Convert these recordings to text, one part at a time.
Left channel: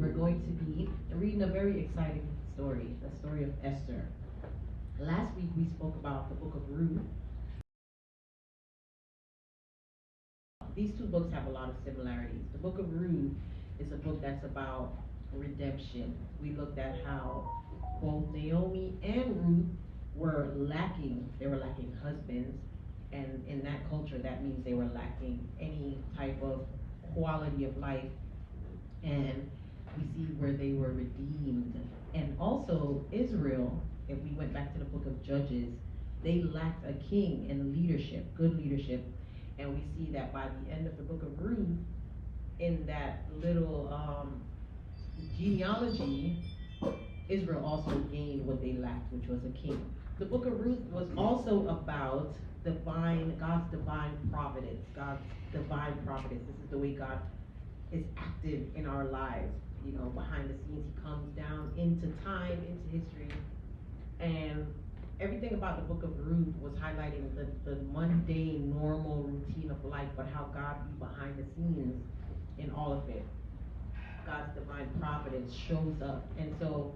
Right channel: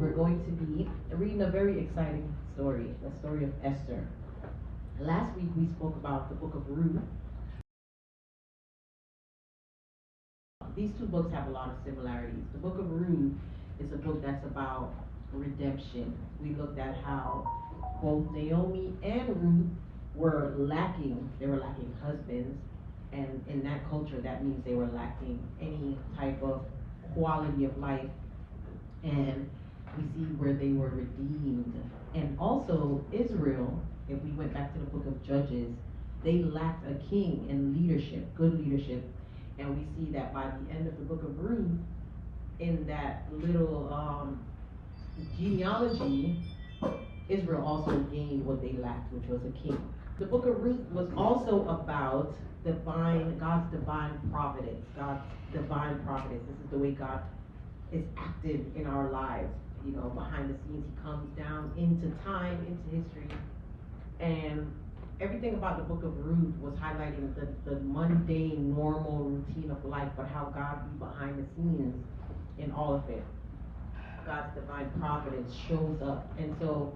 we're going to be reading a very exciting story, the story of Esther. Last week we spoke about the book of Ruth. These two books have a lot of similarities. The book of Ruth is a book that's about redemption. We looked at how both Naomi and Ruth were lacking. They were lacking husbands, and in that culture, that means they were lacking any type of quality of life. And we see where they were redeemed. And also, Israel, if we went back to the book of Judges, they lacked a king and leadership, good leadership. And we see that by the end of the book of Ruth, in that little genealogy, Israel also gained what they lacked, which was a king. The book of Ruth was also about God's divine providence. God's divine providence. This is the way God is active in our lives. You know, behind the scenes, he comes down into time, into history. And everything about the book of Ruth was highlighting the mundane, normal routine of life, but how God be behind the scenes in all of it. God's divine providence shows up. And so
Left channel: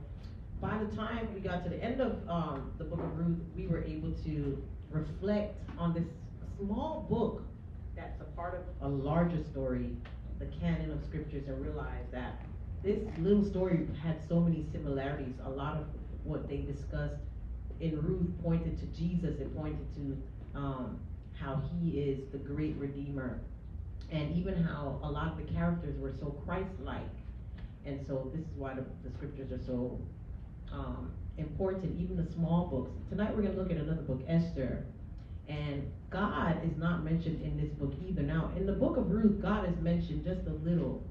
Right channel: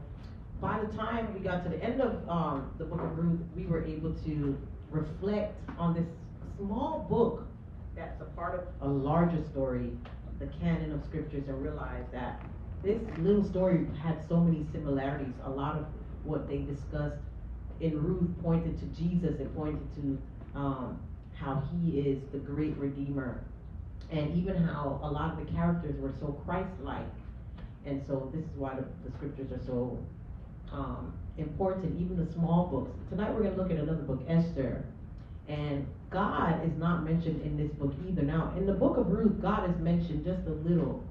by the time we got to the end of the book of Ruth, we were able to reflect on this small book that's a part of a larger story, the canon of scriptures, and realize that this little story had so many similarities. A lot of what they discussed in Ruth pointed to Jesus. It pointed to how he is the great redeemer, and even how a lot of the characters were so Christ-like. And so this is why the scriptures are so important, even the small books. Tonight we're going to look at another book, Esther. And God is not mentioned in this book either. Now, in the book of Ruth, God is mentioned just a little,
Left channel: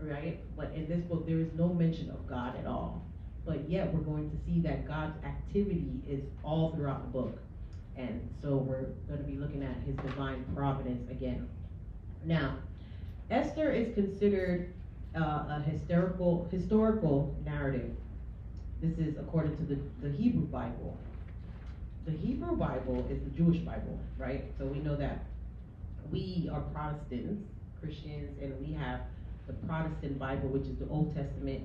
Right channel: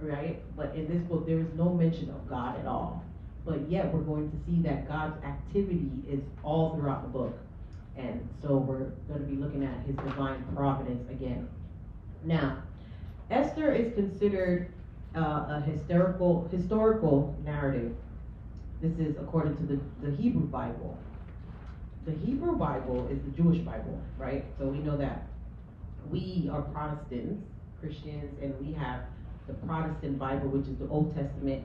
right? But in this book, there is no mention of God at all. But yet, we're going to see that God's activity is all throughout the book. And so we're going to be looking at his divine providence again. Now, Esther is considered a historical narrative. This is according to the Hebrew Bible. The Hebrew Bible is the Jewish Bible, right? So we know that we are Protestants, Christians, and we have the Protestant Bible, which is the Old Testament.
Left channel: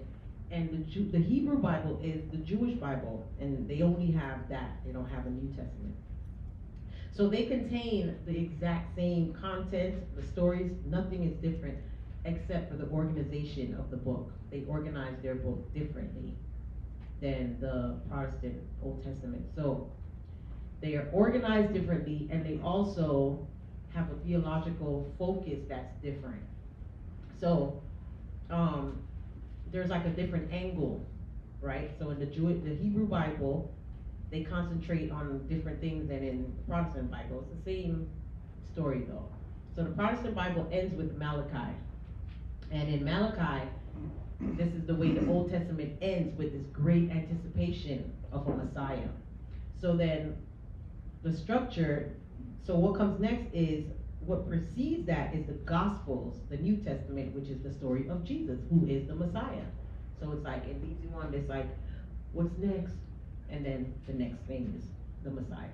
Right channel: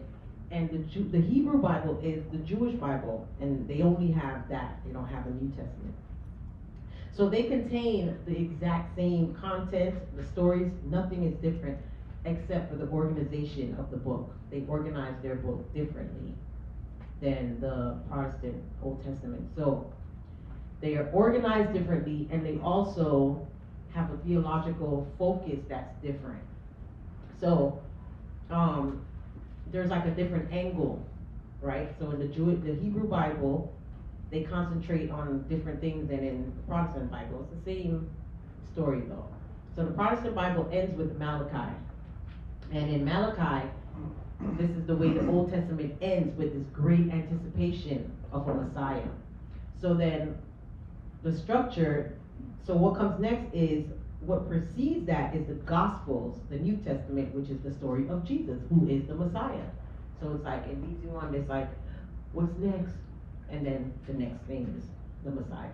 And the Hebrew Bible is the Jewish Bible, and they only have that. They don't have the New Testament. So they contain the exact same content, the stories, nothing is different except for the organization of the book. They organize their book differently than the Protestant Old Testament. So they are organized differently, and they also have a theological focus that's different. So there's like a different angle, right? So in the Hebrew Bible, they concentrate on different things than in the Protestant Bible. It's the same story though. So the Protestant Bible ends with Malachi. And in Malachi, this is the way the Old Testament ends, with this great anticipation of a Messiah. So then the structure, so what comes next is, what precedes that is the Gospels, the New Testament, which is the story of Jesus, who is the Messiah. So it's like, it leads you on this like, what's next? And then the next thing is the Messiah.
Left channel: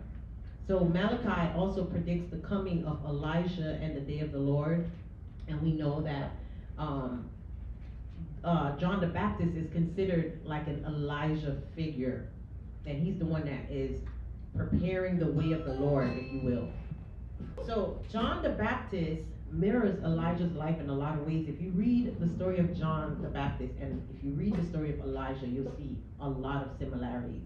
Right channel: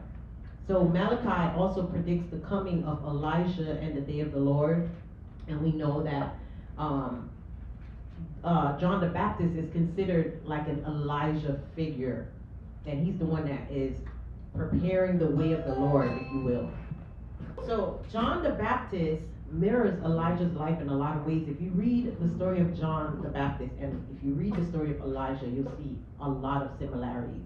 So Malachi also predicts the coming of Elijah and the day of the Lord. And we know that John the Baptist is considered like an Elijah figure. And he's the one that is preparing the way of the Lord, if you will. So John the Baptist mirrors Elijah's life in a lot of ways. If you read the story of John the Baptist and if you read the story of Elijah, you'll see a lot of similarities.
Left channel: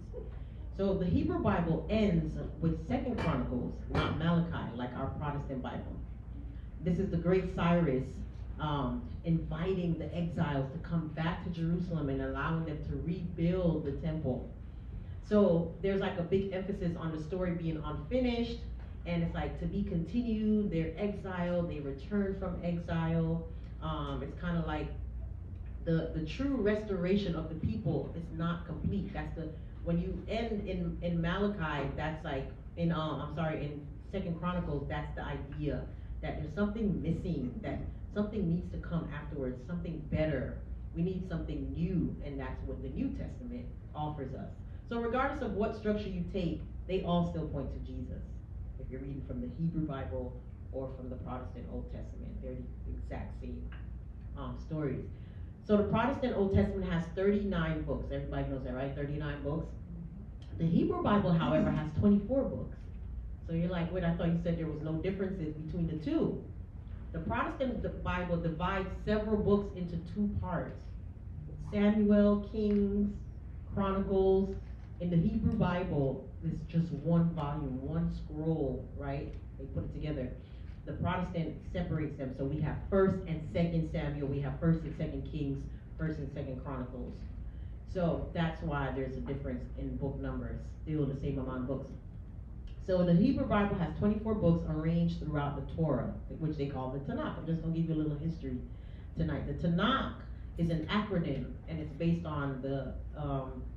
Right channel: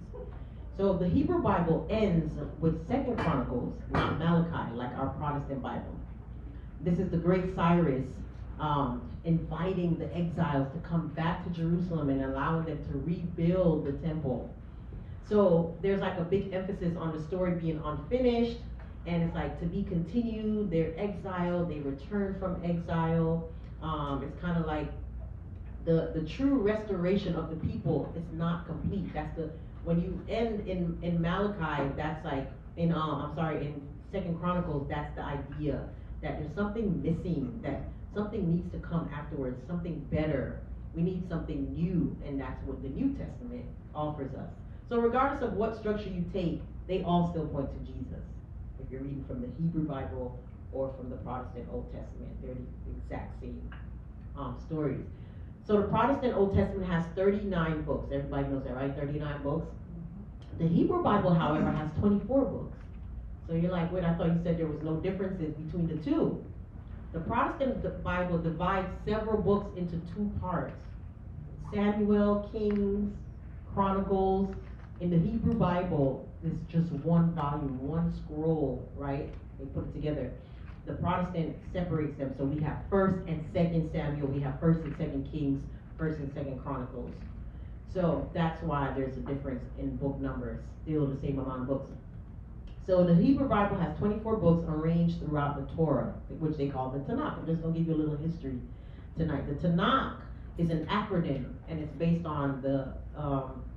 So the Hebrew Bible ends with 2nd Chronicles, not Malachi, like our Protestant Bible. This is the great Cyrus inviting the exiles to come back to Jerusalem and allowing them to rebuild the temple. So there's like a big emphasis on the story being unfinished, and it's like to be continued. They're exiled, they return from exile. It's kind of like the true restoration of the people is not complete. That's when you end in Malachi, that's like in 2nd Chronicles, that's the idea that there's something missing, that something needs to come afterwards, something better. We need something new, and that's what the New Testament offers us. So regardless of what structure you take, they all still point to Jesus. If you're reading from the Hebrew Bible or from the Protestant Old Testament, they're the exact same stories. So the Protestant Old Testament has 39 books. Everybody knows that, right? 39 books. The Hebrew Bible, however, has 24 books. So you're like, wait, I thought you said there was no differences between the two. The Protestant Bible divides several books into two parts. Samuel, Kings, Chronicles. In the Hebrew Bible, it's just one volume, one scroll, right? They put it together. The Protestant separates them. So we have 1st and 2nd Samuel, we have 1st and 2nd Kings, 1st and 2nd Chronicles. So that's why there's a difference in book numbers, still the same amount of books. So the Hebrew Bible has 24 books arranged throughout the Torah, which they call the Tanakh. I'm just going to give you a little history tonight. The Tanakh is an acronym, and it's based on the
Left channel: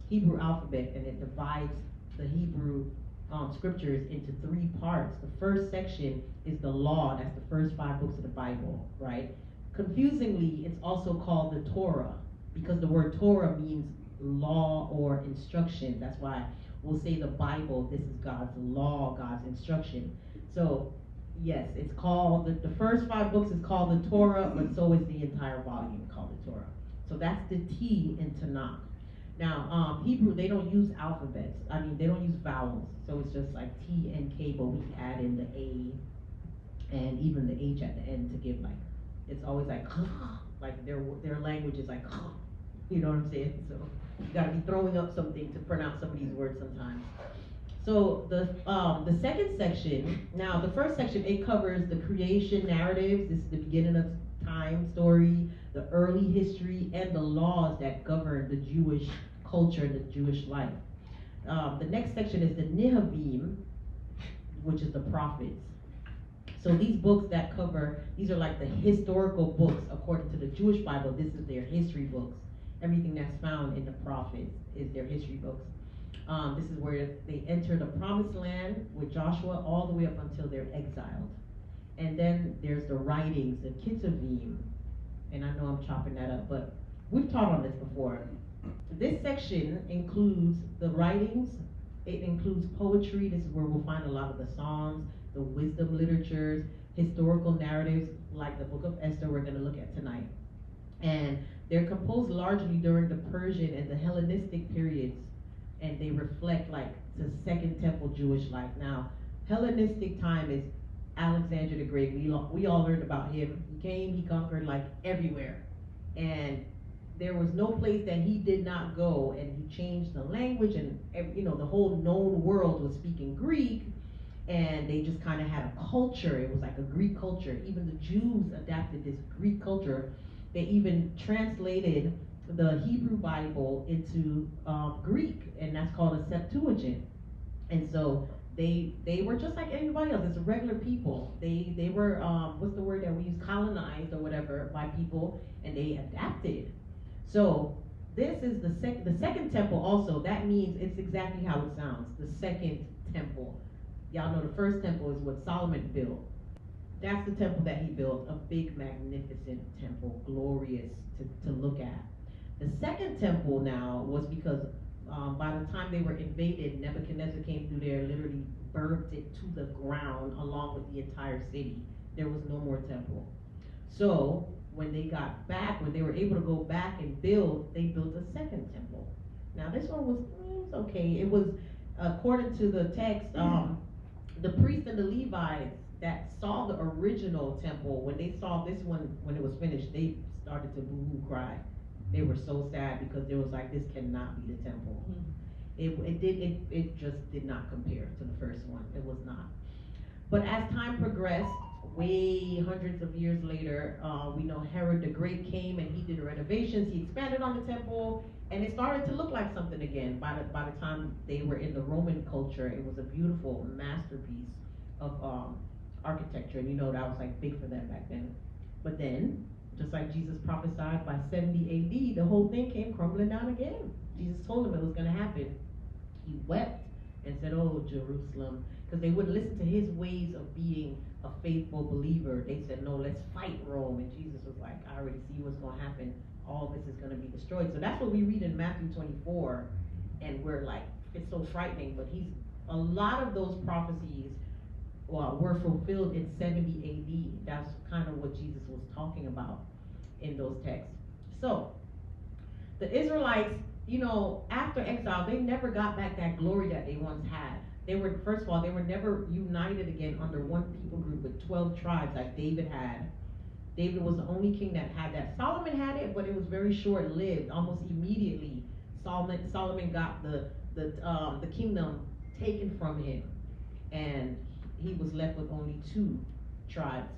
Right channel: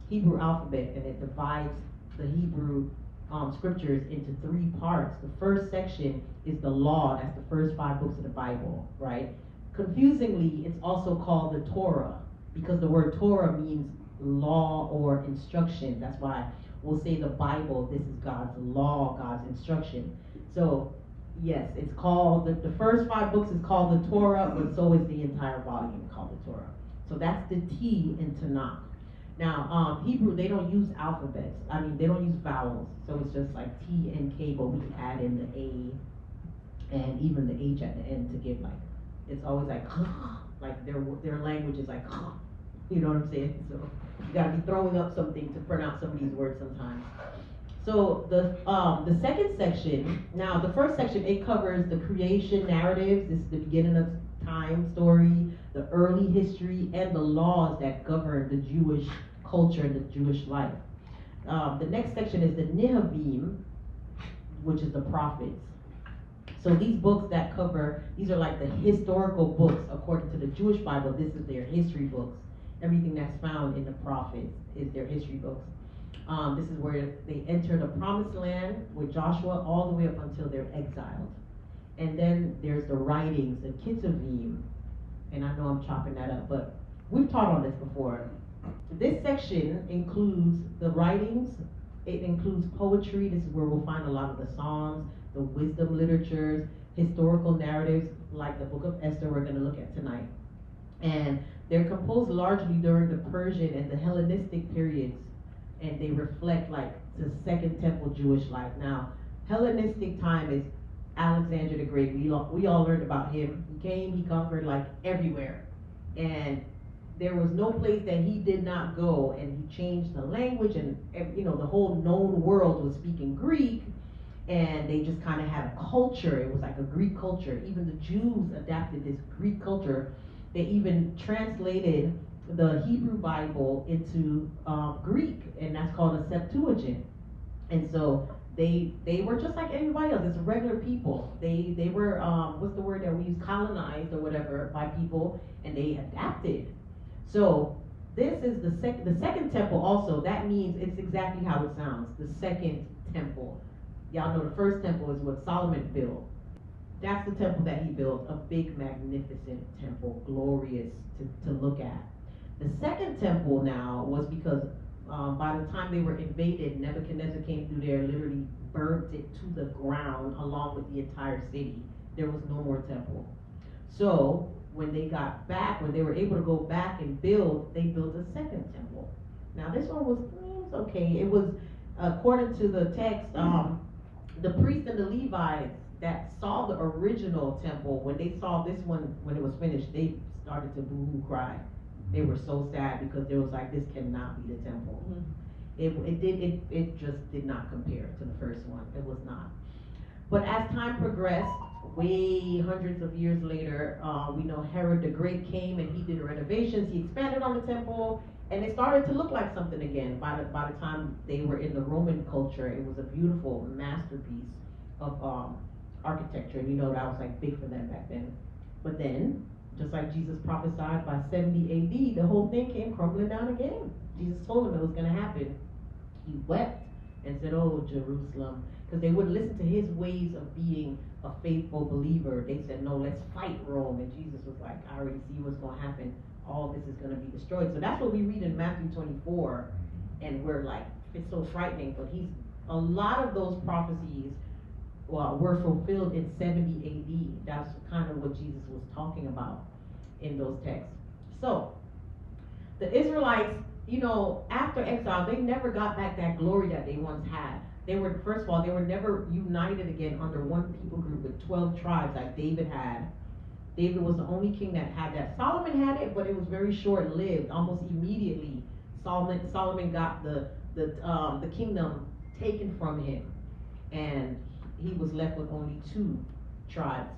Hebrew alphabet, and it divides the Hebrew scriptures into 3 parts. The first section is the law. That's the first 5 books of the Bible, right? Confusingly, it's also called the Torah, because the word Torah means law or instruction. That's why we'll say the Bible, this is God's law, God's instruction. So, yes, it's called, the first 5 books is called the Torah, but so is the entire volume called the Torah. So that's the T in Tanakh. Now, Hebrew, they don't use alphabets. I mean, they don't use vowels. So it's just like T and K, but we add in the A and even the H at the end to give like, it's always like their language is like, you know what I'm saying? So you gotta be throwing up something to pronounce some of these words sometimes. So the second section, now the first section, it covers the creation narratives. This is the beginning of time story, the early history, and the laws that govern the Jewish culture and the Jewish life. The next section is the Nehavim, which is the prophets. So these books that cover, these are like the historical books according to the Jewish Bible. This is their history books. Everything that's found in the prophets is their history books. This is where they enter the promised land with Joshua all the way up until they're exiled. And then there's the writings, the Ketuvim. And I know I'm chopping that up, but we've taught on this before. This section includes the writings. It includes poetry. This is where we'll find a lot of the Psalms, the wisdom literatures, historical narratives, like the book of Esther we're going to look at tonight. And they're composed largely during the Persian and the Hellenistic periods, and they reflect like the Second Temple Jewish life. Now, Hellenistic time is Alexander the Great. We all learned about him. He came, he conquered like everywhere, and there was no place that he did not go, and he changed the language, and the whole known world was speaking Greek, and they just kind of had a culture. It was like a Greek culture. Even the Jews adapted this Greek culture. They even translated the Hebrew Bible into Greek, and that's called a Septuagint. And so they were just like everybody else. It's regular people. They were what's the word that we use, colonized or whatever by people, and they adapted. So this is the second temple. Also, that means it's exactly how it sounds. The second temple. Y'all know the first temple is what Solomon built. That's the temple that he built, a big, magnificent temple, glorious to look at. The second temple now was because by the time they were invaded, Nebuchadnezzar came through there, literally burnt it to the ground along with the entire city. There was no more temple. So when they got back, when they were able to go back and build, they built a second temple. Now this one was okay. It was, according to the text, the priests and the Levites that saw the original temple, when they saw this one, when it was finished, they started to boo-hoo cry. They were so sad because they was like, this cannot be the temple. Mm-hmm. It just did not compare to the first one. It was not. But as time progressed, way hundreds of years later, we know Herod the Great came and he did renovations. He expanded on the temple, and it started to look like something again. By the time they were in the Roman culture, it was a beautiful masterpiece of architecture, and that was like big for them back then. But then, just like Jesus prophesied, by 70 AD, the whole thing came crumbling down again. Jesus told them it was going to happen. He wept and said, "Oh, Jerusalem," because they wouldn't listen to his ways of being a faithful believer. They said, "No, let's fight Rome." And Jesus was like, "I already see what's going to happen. All this is going to be destroyed." So that's what we read in Matthew 24, and we're like, it's so frightening. But a lot of those prophecies were fulfilled in 70 AD. That's kind of what Jesus was talking about in those texts. So The Israelites, after exile, they never got back that glory that they once had. They were, first of all, they were never united again under one people group with 12 tribes like David had. David was the only king that had that. Solomon had it, but it was very short-lived. Almost immediately, Solomon got the kingdom taken from him, and he was left with only 2 tribes.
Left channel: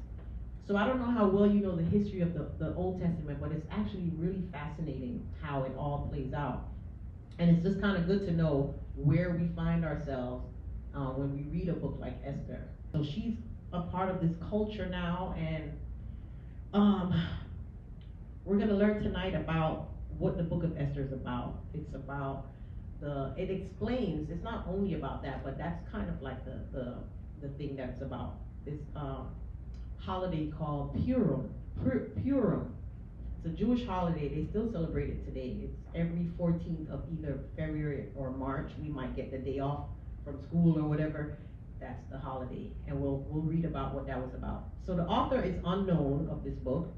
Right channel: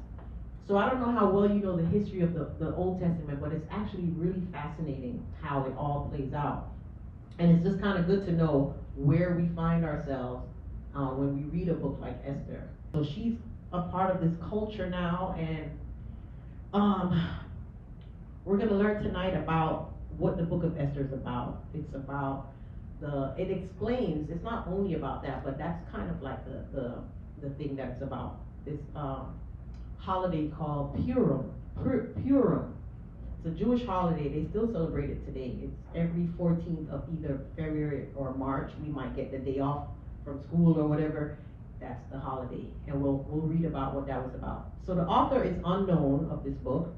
So I don't know how well you know the history of the Old Testament, but it's actually really fascinating how it all plays out. And it's just kind of good to know where we find ourselves when we read a book like Esther. So she's a part of this culture now, and we're going to learn tonight about what the book of Esther is about. It's about it explains, it's not only about that, but that's kind of like the thing that it's about. This holiday called Purim. Purim. It's a Jewish holiday. They still celebrate it today. It's every 14th of either February or March. We might get the day off from school or whatever. That's the holiday, and we'll read about what that was about. So the author is unknown of this book,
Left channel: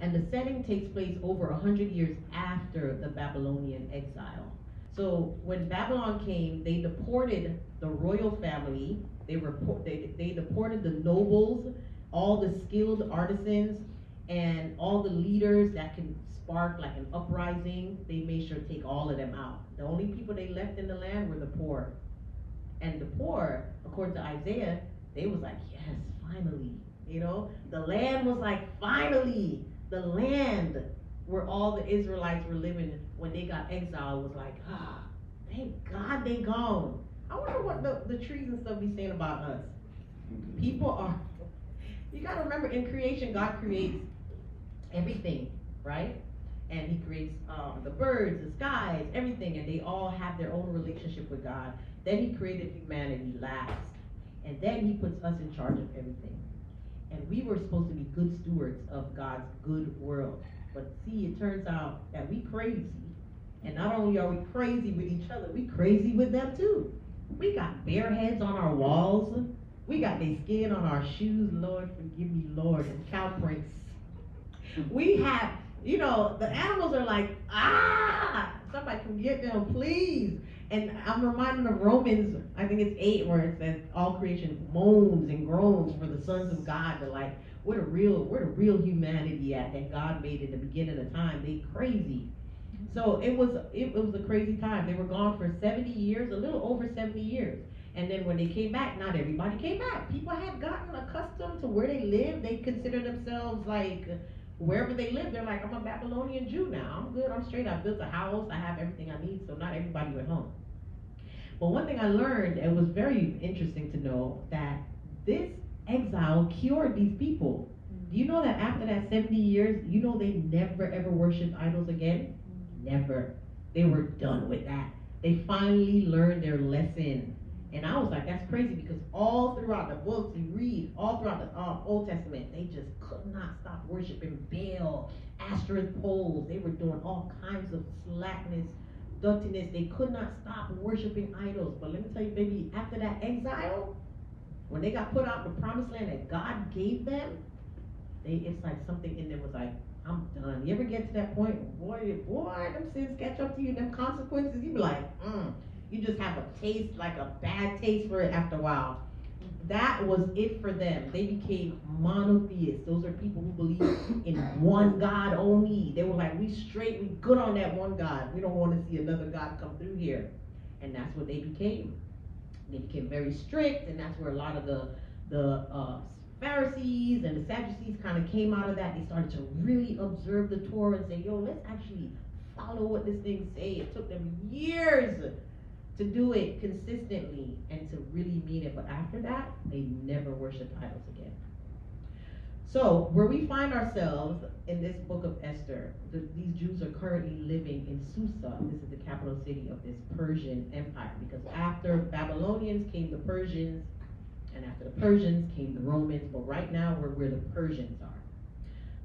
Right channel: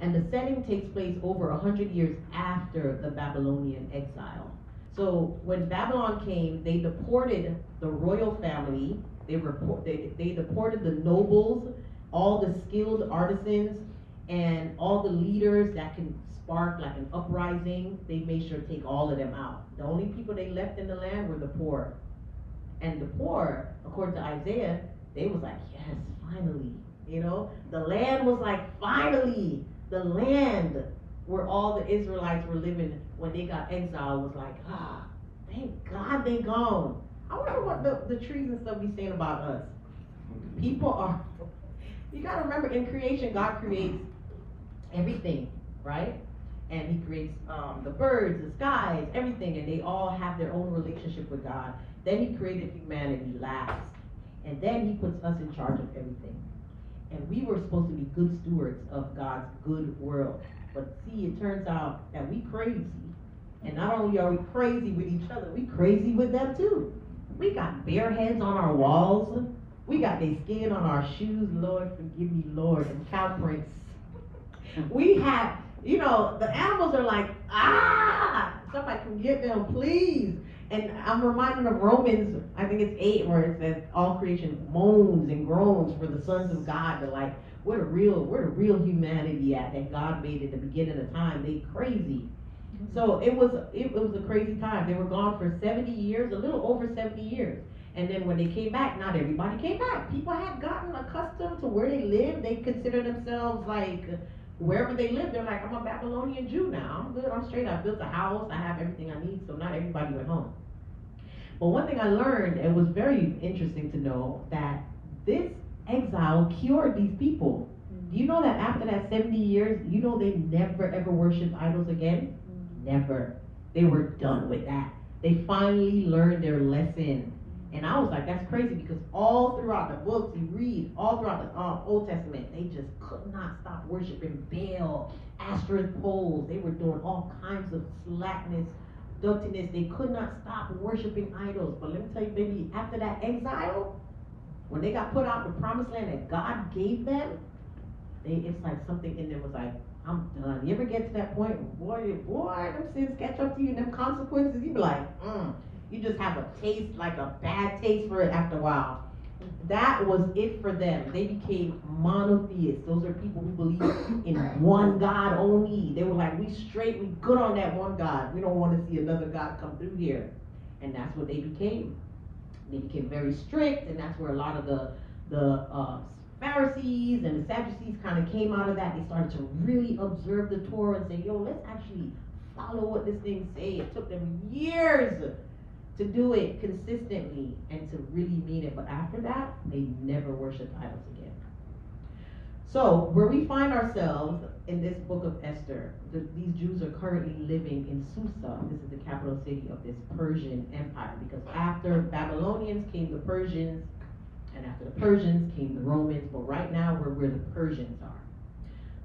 and the setting takes place over 100 years after the Babylonian exile. So when Babylon came, they deported the royal family. They deported the nobles, all the skilled artisans, and all the leaders that can spark like an uprising. They made sure to take all of them out. The only people they left in the land were the poor. And the poor, according to Isaiah, they was like, yes, finally. The land was like, finally. The land where all the Israelites were living when they got exiled was like, thank God they gone. I wonder what the trees and stuff be saying about us. People are, you gotta remember, in creation, God creates everything, right? And he creates the birds, the skies, everything, and they all have their own relationship with God. Then he created humanity last, and then he puts us in charge of everything. And we were supposed to be good stewards of God's good world. But see, it turns out that we crazy. And not only are we crazy with each other, we crazy with them too. We got bear heads on our walls. We got their skin on our shoes. Lord, forgive me, Lord, and cow prints. We have, the animals are like, somebody can get them, please. And I'm reminded of Romans, I think it's 8, where it says all creation moans and groans for the sons of God. They're like, where the real humanity at that God made at the beginning of time? They crazy. So it was a crazy time. They were gone for 70 years, a little over 70 years. And then when they came back, not everybody came back. People had gotten accustomed to where they lived. They consider themselves like, wherever they live, they're like, I'm a Babylonian Jew now. I'm good, I'm straight. I built a house, I have everything I need, so not everybody went home. But one thing I learned, it was very interesting to know, that this exile cured these people. Do you know that after that 70 years, they never ever worshiped idols again? Never. They were done with that. They finally learned their lesson. And I was like, that's crazy, because all throughout the books you read, all throughout the Old Testament, they just could not stop worshiping Baal, Ashtoreth poles. They were doing all kinds of slackness, dirtiness. They could not stop worshiping idols. But let me tell you, baby, after that exile, when they got put out in the promised land that God gave them, it's like something in them was like, I'm done. You ever get to that point, boy, them sins catch up to you, and them consequences, you be like, you just have a taste, like a bad taste for it after a while. That was it for them. They became monotheists. Those are people who believe in one God only. They were like, we good on that one God. We don't want to see another God come through here. And that's what they became. They became very strict, and that's where a lot of the Pharisees and the Sadducees kind of came out of that. They started to really observe the Torah and say, let's actually follow what this thing say. It took them years to do it consistently and to really mean it. But after that, they never worshiped idols again. So where we find ourselves in this book of Esther, these Jews are currently living in Susa. This is the capital city of this Persian empire, because after Babylonians came the Persians, and after the Persians came the Romans, but right now we're where the Persians are.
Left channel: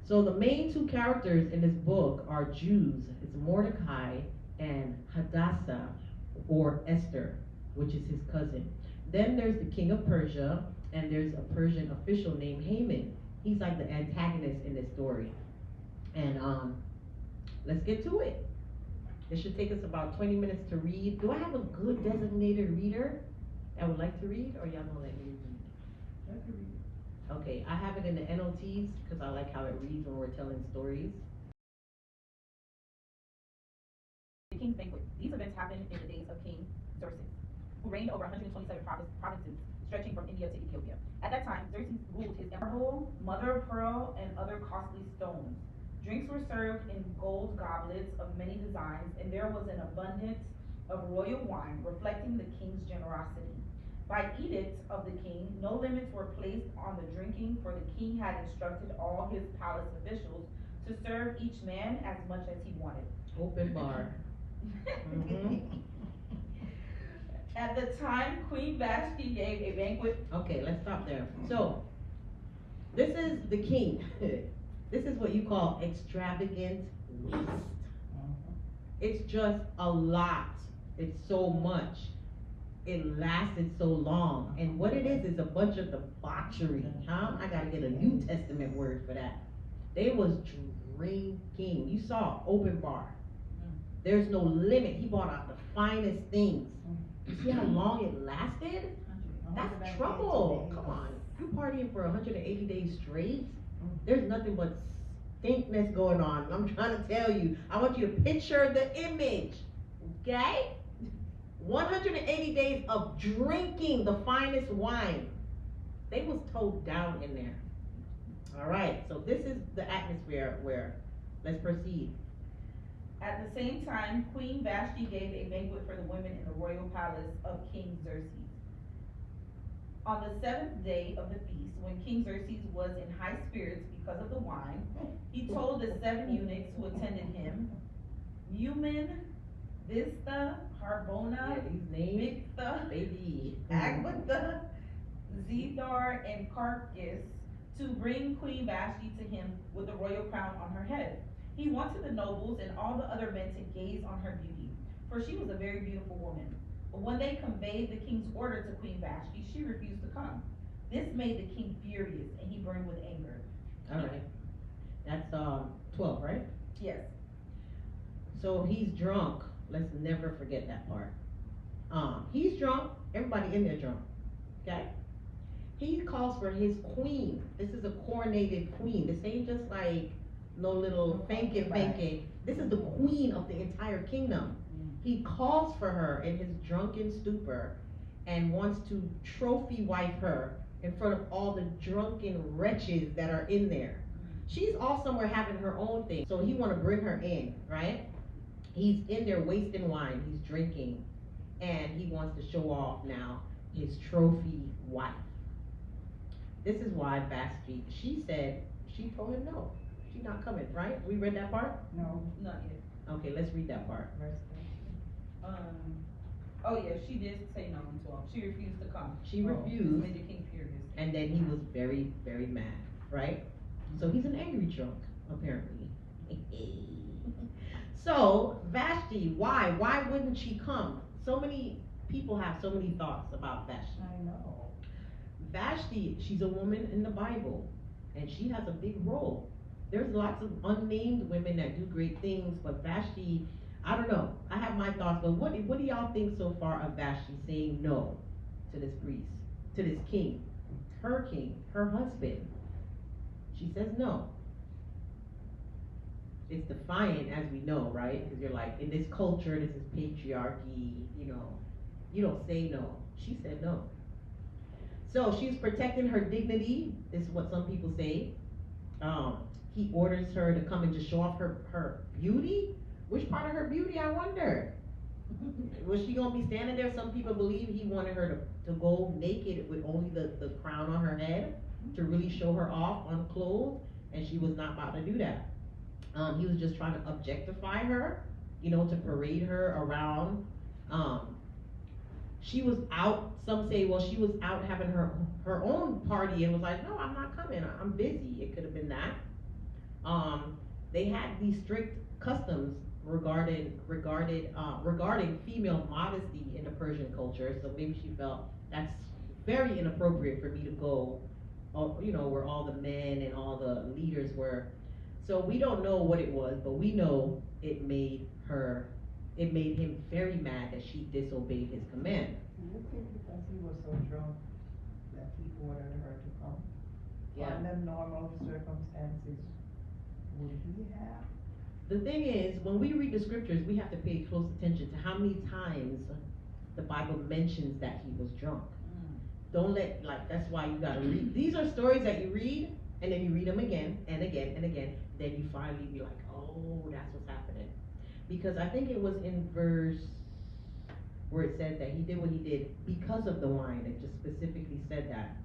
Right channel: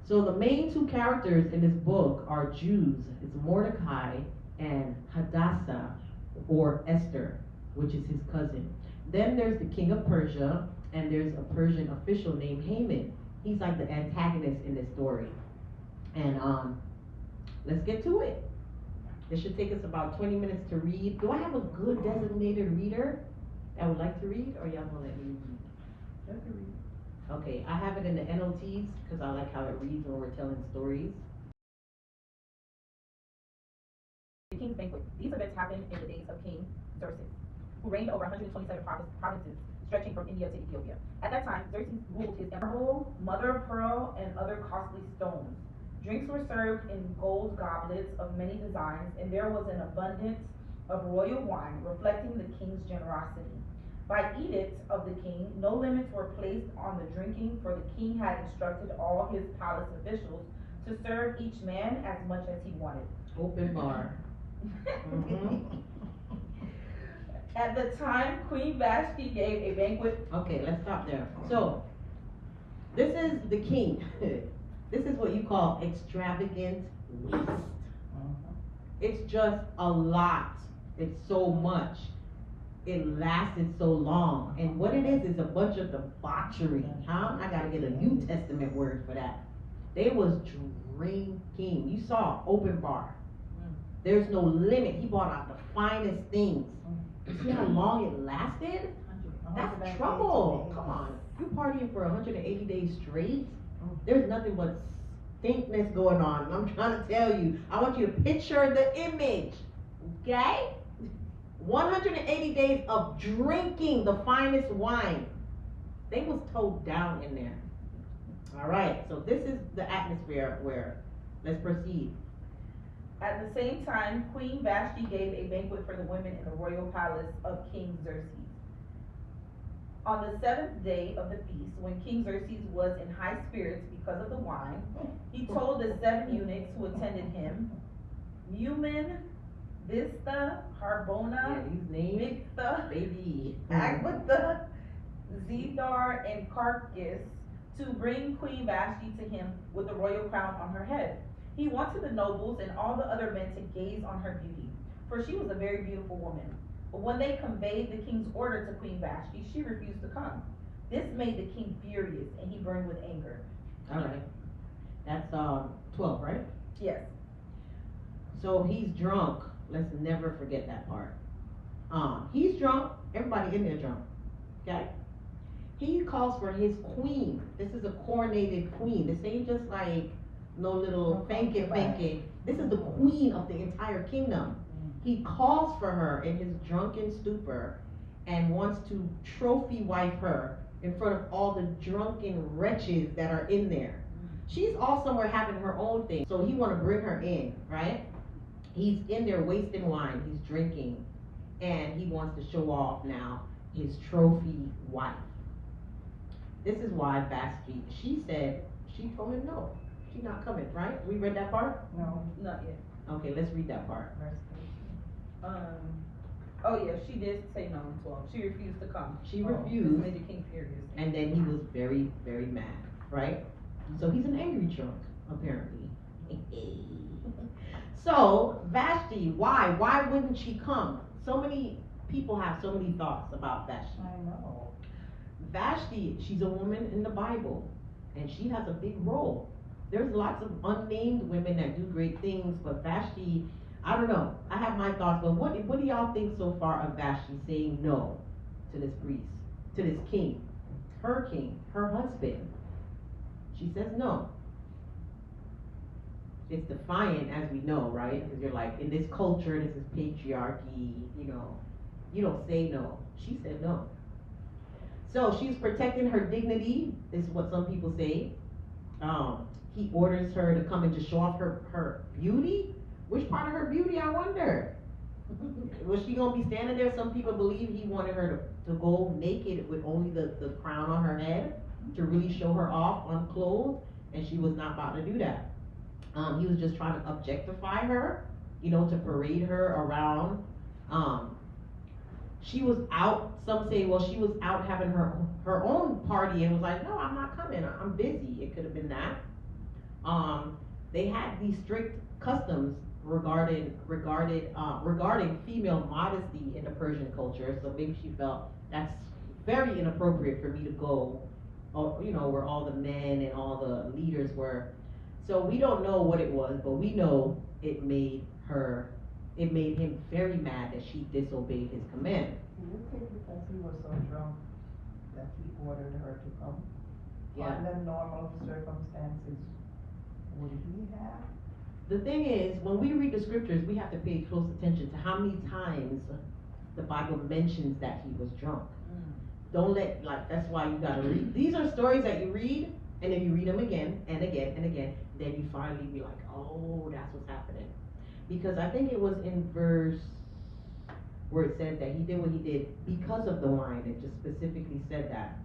So the main 2 characters in this book are Jews. It's Mordecai and Hadassah, or Esther, which is his cousin. Then there's the king of Persia, and there's a Persian official named Haman. He's like the antagonist in this story. And let's get to it. It should take us about 20 minutes to read. Do I have a good designated reader that would like to read, or y'all gonna let me read? I can read. Okay, I have it in the NLTs because I like how it reads when we're telling stories. The King's Banquet. These events happened in the days of King Xerxes, who reigned over 127 provinces stretching from India to Ethiopia. At that time, Xerxes ruled his empire. Marble, mother of pearl, and other costly stones. Drinks were served in gold goblets of many designs, and there was an abundance of royal wine, reflecting the king's generosity. By edict of the king, no limits were placed on the drinking, for the king had instructed all his palace officials to serve each man as much as he wanted. Open bar. At the time, Queen Vashti gave a banquet. Okay, let's stop there. So, this is the king. This is what you call extravagant waste. It's just a lot. It's so much. It lasted so long. And what it is a bunch of debauchery, huh? I gotta get a New Testament word for that. They was drinking. You saw open bar. There's no limit. He brought out the finest things. You see how long it lasted? That's trouble. Come on. You partying for 180 days straight? There's nothing but stinkness going on. I'm trying to tell you. I want you to picture the image. Okay? 180 days of drinking the finest wine. They was towed down in there. All right. So this is the atmosphere where, let's proceed. At the same time, Queen Vashti gave a banquet for the women in the royal palace of King Xerxes. On the seventh day of the feast, when King Xerxes was in high spirits because of the wine, he told the 7 eunuchs who attended him, Mumin, Vista, Harbona, Bigtha, Agbatha, Zedar, and Carcass, to bring Queen Vashti to him with the royal crown on her head. He wanted the nobles and all the other men to gaze on her beauty, for she was a very beautiful woman. But when they conveyed the king's order to Queen Vashti, she refused to come. This made the king furious, and he burned with anger. All right. That's 12, right? Yes. So he's drunk. Let's never forget that part. He's drunk. Everybody in there drunk. Okay? He calls for his queen. This is a coronated queen. This ain't just like no little fanky. This is the queen of the entire kingdom. He calls for her in his drunken stupor and wants to trophy wife her in front of all the drunken wretches that are in there. She's all somewhere having her own thing. So he want to bring her in, right? He's in there wasting wine. He's drinking. And he wants to show off now his trophy wife. This is why Vashti, she told him no. She's not coming, right? We read that part? No, not yet. Okay, let's read that part. Oh yeah, she did say no in 12. She refused to come. She refused. This made the king furious. And then he was very, very mad, right? So he's an angry drunk, apparently. So, Vashti, why? Why wouldn't she come? So many people have so many thoughts about Vashti. I know. Vashti, she's a woman in the Bible, and she has a big role. There's lots of unnamed women that do great things, but Vashti, I don't know. I have my thoughts, but what do y'all think so far of Vashti saying no to this priest, to this king, her husband? She says no. It's defiant, as we know, right? Because you're like, in this culture, this is patriarchy, you don't say no. She said no. So she's protecting her dignity, is what some people say. He orders her to come and just show off her beauty. Which part of her beauty, I wonder? Was she gonna be standing there? Some people believe he wanted her to go naked with only the crown on her head to really show her off unclothed, and she was not about to do that. He was just trying to objectify her, to parade her around. She was out, some say, well, she was out having her own party and was like, no, I'm not coming, I'm busy. It could have been that. They had these strict customs regarding female modesty in the Persian culture, so maybe she felt that's very inappropriate for me to go, where all the men and all the leaders were. So we don't know what it was, but we know it made her it made him very mad that she disobeyed his command. Do you think because he was so drunk that he ordered her to come? Yeah. Under normal circumstances, would he have? The thing is, when we read the scriptures, we have to pay close attention to how many times the Bible mentions that he was drunk. Don't let, like, that's why you gotta read. These are stories that you read, and then you read them again and again and again. Then you finally be like, oh, that's what's happening. Because I think it was in verse where it said that he did what he did because of the wine. It just specifically said that.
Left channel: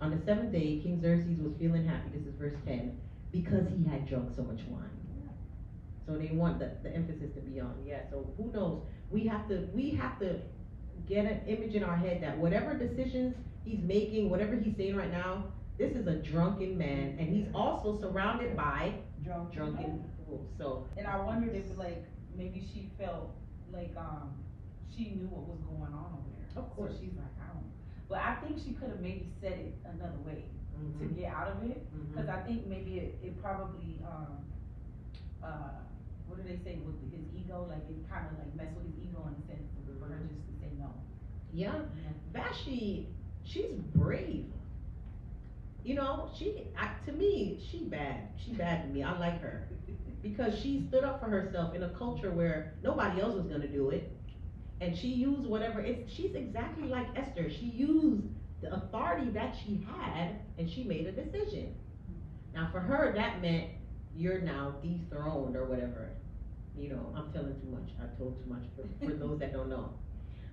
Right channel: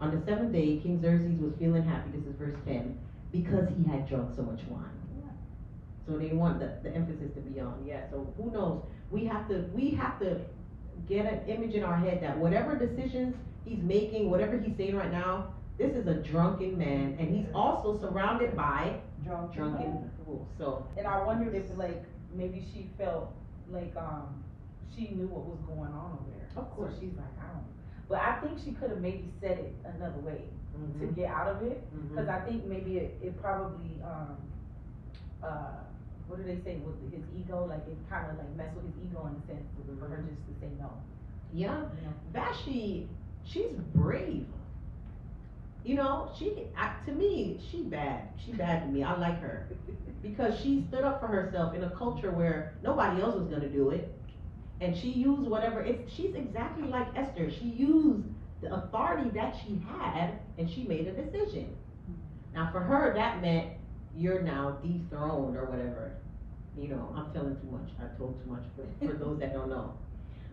On the seventh day, King Xerxes was feeling happy, this is verse 10, because he had drunk so much wine. So they want the emphasis to be on, yeah, so who knows? We have to get an image in our head that whatever decisions he's making, whatever he's saying right now, this is a drunken man, and he's also surrounded by drunken fools, so. And I wondered if, like, maybe she felt like, she knew what was going on over there. Of course. So she's like, I don't know. But I think she could have maybe said it another way to Mhm. get out of it. Mhm. Cause I think maybe it probably, what do they say with his ego? Like it kind of like messed with his ego in a sense for her just to say no. Yeah, You know? Vashti, she's brave. You know, to me, she bad. She bad to me. I like her. Because she stood up for herself in a culture where nobody else was gonna do it. And she used she's exactly like Esther. She used the authority that she had and she made a decision. Now for her, that meant you're now dethroned or whatever. You know, I'm telling too much. I told too much for those that don't know.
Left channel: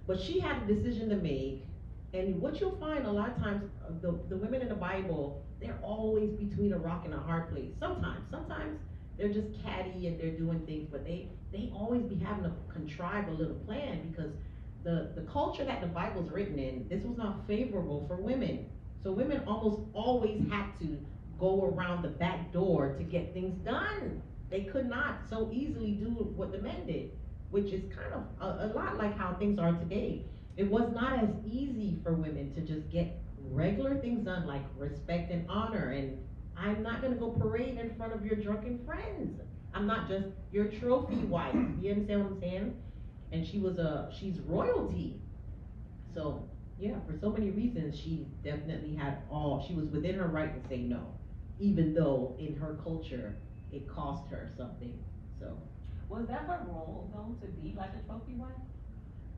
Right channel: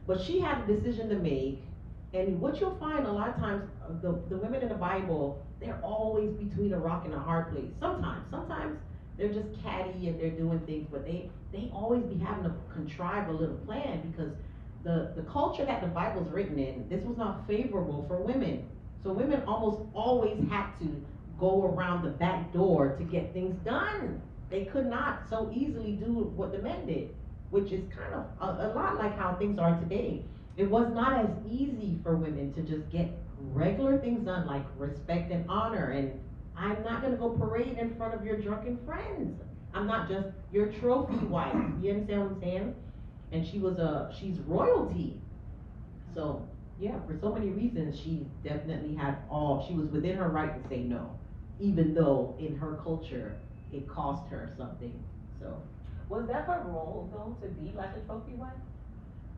But she had a decision to make, and what you'll find a lot of times, the women in the Bible, they're always between a rock and a hard place. Sometimes they're just catty and they're doing things, but they always be having to contrive a little plan because the culture that the Bible's written in, this was not favorable for women. So women almost always had to go around the back door to get things done. They could not so easily do what the men did, which is kind of a lot like how things are today. It was not as easy for women to just get regular things done like respect and honor, and I'm not gonna go parade in front of your drunken friends. I'm not just your trophy wife. You understand what I'm saying? And she's royalty. So yeah, for so many reasons, she definitely she was within her right to say no, even though in her culture it cost her something. So Was that her role though, to be like a trophy wife?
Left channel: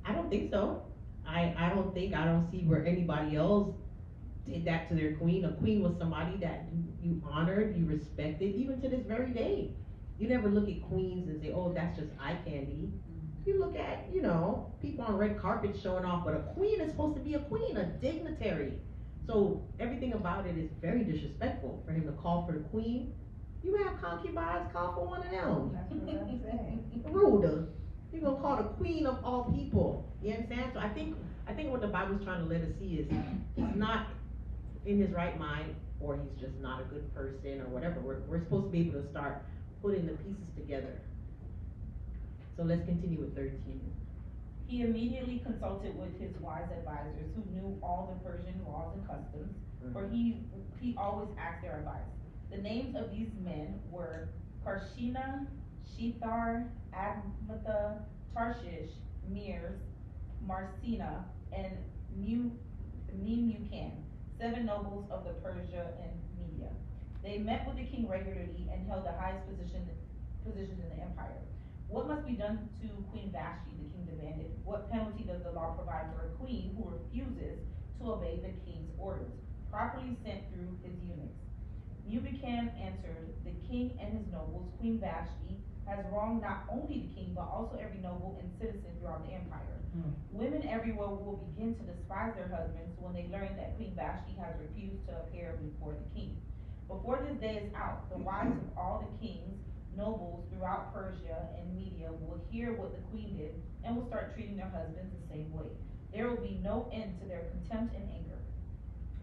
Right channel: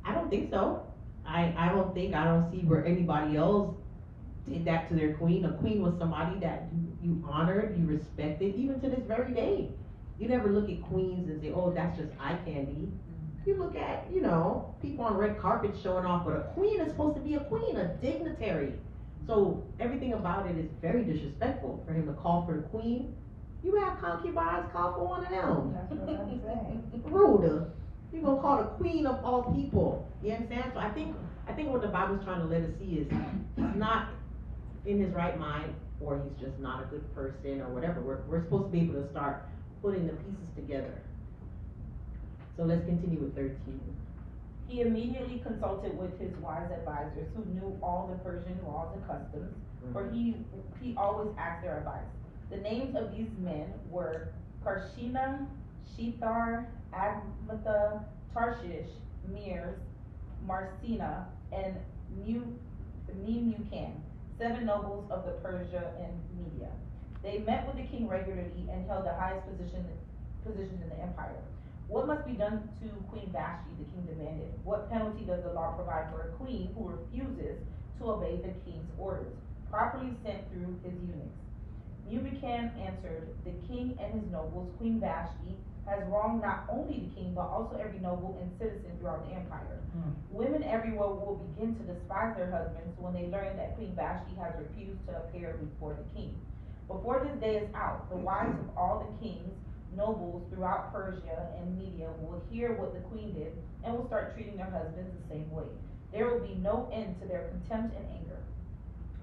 I don't think so. I don't see where anybody else did that to their queen. A queen was somebody that you honored, you respected, even to this very day. You never look at queens and say, oh, that's just eye candy. You look at, you know, people on red carpets showing off, but a queen is supposed to be a queen, a dignitary. So everything about it is very disrespectful for him to call for the queen. You have concubines, call for one of them. That's what I'm saying. Rude. You're gonna call the queen of all people. You understand? So I think what the Bible's trying to let us see is he's not in his right mind, or he's just not a good person, or whatever. We're supposed to be able to start putting the pieces together. So let's continue with 13. He immediately consulted with his wise advisors who knew all the Persian laws and customs, for he always asked their advice. The names of these men were Karshina, Shethar, Admatha, Tarshish, Meres, Marcina, and Memucan, 7 nobles of the Persia and Media. They met with the king regularly and held the highest positions in the empire. What must be done to Queen Vashti, the king demanded. What penalty does the law provide for a queen who refuses to obey the king's orders, properly sent through his eunuchs? Memucan answered, the king and his nobles, Queen Vashti, has wronged not only the king, but also every noble and citizen throughout the empire. Women everywhere will begin to despise their husbands when they learn that Queen Vashti has refused to appear before the king. Before this day is out, the wives of all the kings, nobles throughout Persia and Media will hear what the queen did and will start treating their husbands the same way. There will be no end to their contempt and anger.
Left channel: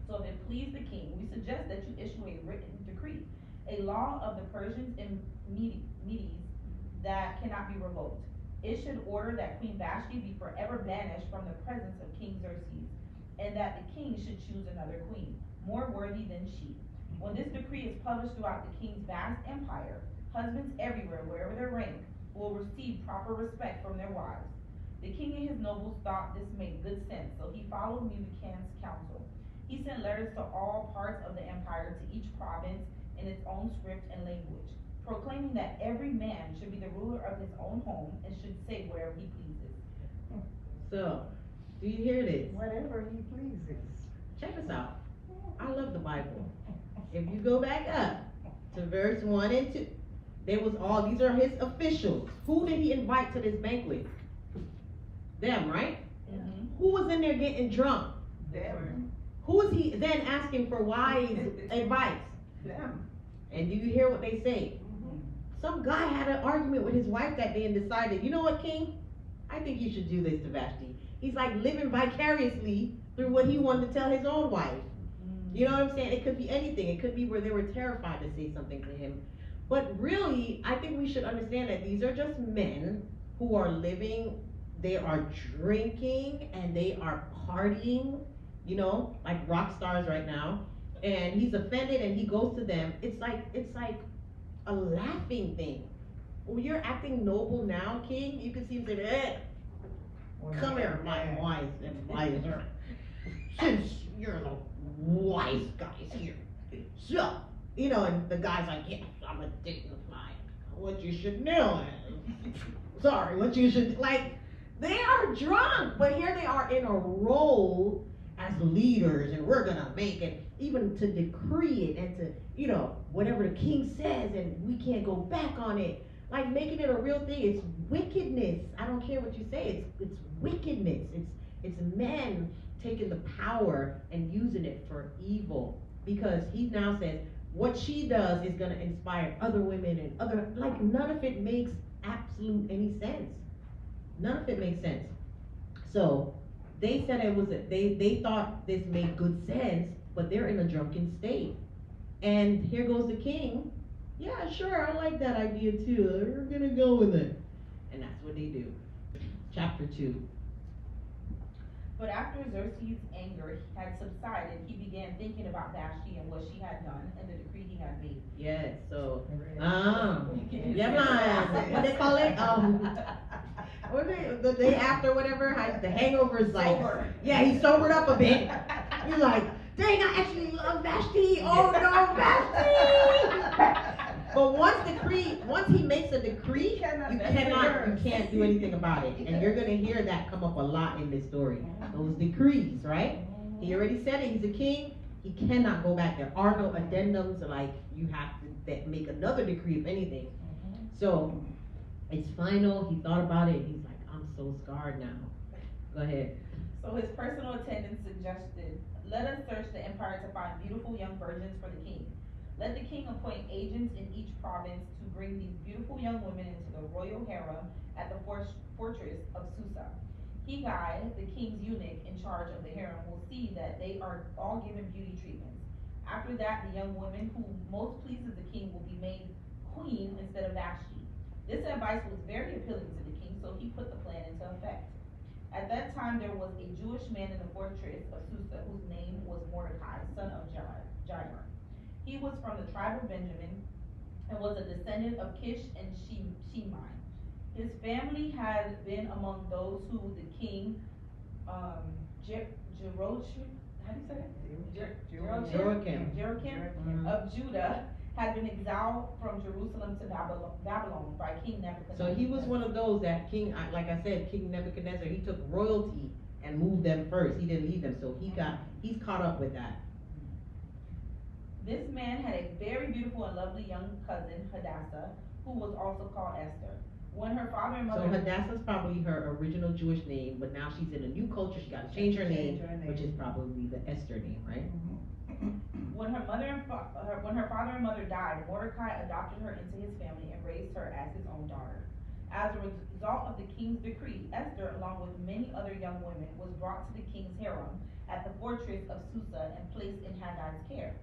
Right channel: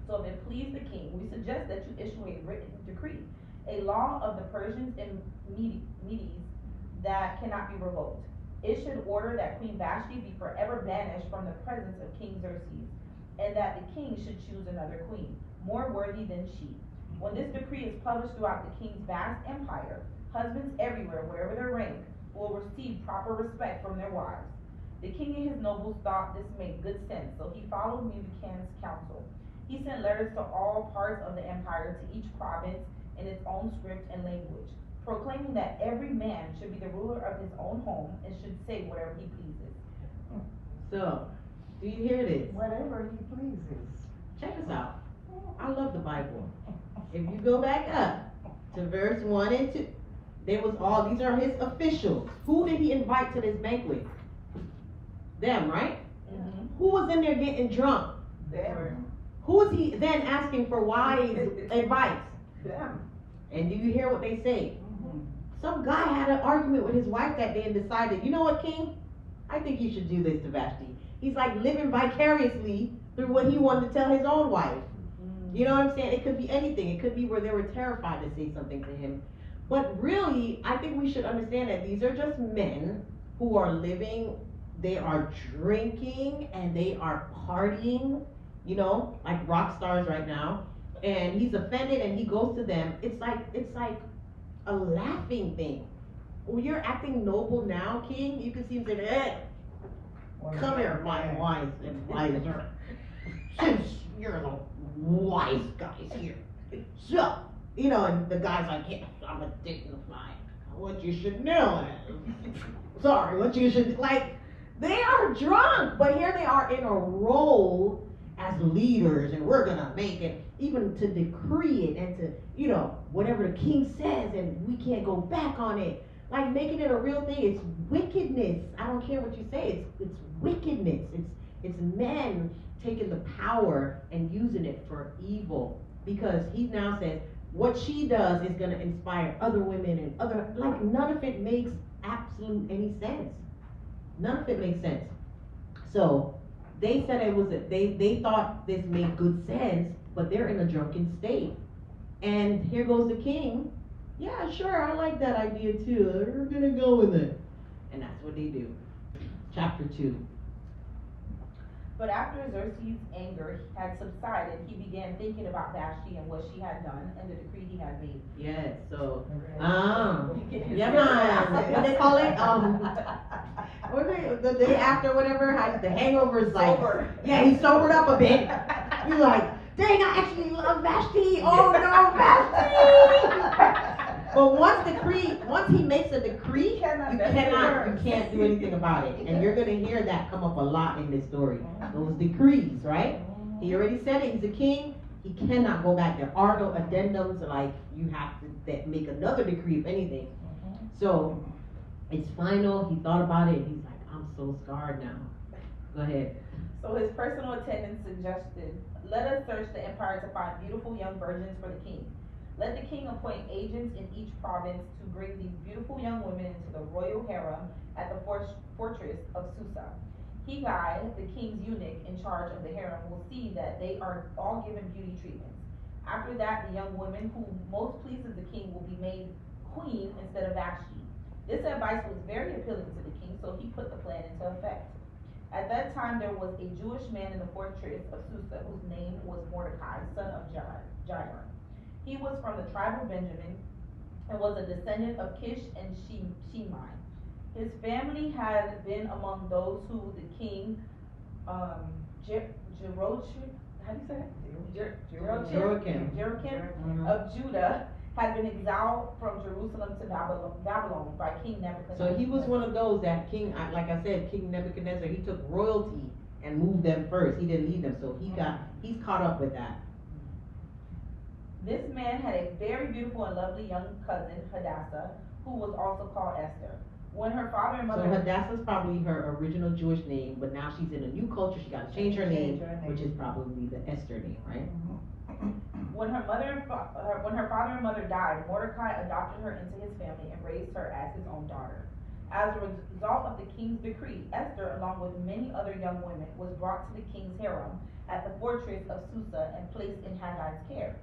So if it please the king, we suggest that you issue a written decree, a law of the Persians and Medes that cannot be revoked. It should order that Queen Vashti be forever banished from the presence of King Xerxes, and that the king should choose another queen, more worthy than she. When this decree is published throughout the king's vast empire, husbands everywhere, wherever their rank, will will receive proper respect from their wives. The king and his nobles thought this made good sense, so he followed Memucan's counsel. He sent letters to all parts of the empire, to each province in its own script and language, proclaiming that every man should be the ruler of his own home and should say whatever he pleases. So, do you hear this? Whatever he pleases. Check this out. I love the Bible. If you go back up to verse 1 and 2, these are his officials. Who did he invite to this banquet? Them, right? Who was in there getting drunk? Them. Who was he then asking for wise advice? Them. And do you hear what they say? Some guy had an argument with his wife that day and decided, you know what, king? I think you should do this to Vashti. He's like living vicariously through what he wanted to tell his own wife. You know what I'm saying? It could be anything. It could be where they were terrified to say something to him. But really, I think we should understand that these are just men who are living, they are drinking and they are partying, you know, like rock stars right now. And he's offended and he goes to them. It's like a laughing thing. When you're acting noble now, king, you can see him say, hey, come here, my wise advisor. Since you're the wise guys here. So, you know, and the guy's like, yes, I'm a dignified. What you should know is, sorry, what you should, like, they are drunk, but here they are in a role as leaders, and we're gonna make it, even to decree it, and to, you know, whatever the king says, and we can't go back on it. Like, making it a real thing, it's wickedness. I don't care what you say, it's wickedness. It's men taking the power and using it for evil, because he now says what she does is going to inspire other women and other, like, none of it makes absolute any sense. None of it makes sense. So they said it was they thought this made good sense, but they're in a drunken state. And here goes the king. Yeah, sure, I like that idea too. We're gonna go with it. And that's what they do. Chapter 2. But after Xerxes' anger had subsided, he began thinking about Vashti and what she had done and the decree he had made. Yes, so yeah, man. What they call it? The day after, whatever. The hangover's like, yeah, he sobered up a bit. He's like, dang, I actually love Vashti. Oh no, Vashti! But once he makes a decree, you can't do anything about it. And you're gonna hear that come up a lot in this story. Those decrees, right? He already said it, he's a king, he cannot go back. There are no addendums, like you have to make another decree if anything. So it's final, he thought about it, and he's like, I'm so scarred now. Go ahead. So his personal attendant suggested, let us search the empire to find beautiful young virgins for the king. Let the king appoint agents in each province to bring these beautiful young women into the royal harem at the fortress of Susa. Hegai, the king's eunuch in charge of the harem, will see that they are all given beauty treatments. After that, the young woman who most pleases the king will be made queen instead of Vashti. This advice was very appealing to the king, so he put the plan into effect. At that time, there was a Jewish man in the fortress of Susa whose name was Mordecai, son of Jair. He was from the tribe of Benjamin and was a descendant of Kish and Shimei. His family had been among those who the king, Jeroboam of Judah had been exiled from Jerusalem to Babylon by King Nebuchadnezzar. So he was one of those that King, like I said, King Nebuchadnezzar, he took royalty and moved them first. He didn't leave them, so he's caught up with that. This man had a very beautiful and lovely young cousin, Hadassah, who was also called Esther. When her father and mother... So Hadassah's probably her original Jewish name, but now she's in a new culture. She got to change her name, which is probably the Esther name, right? When her father and mother died, Mordecai adopted her into his family and raised her as his own daughter. As a result of the king's decree, Esther, along with many other young women, was brought to the king's harem at the fortress of Susa and placed in Haggai's care.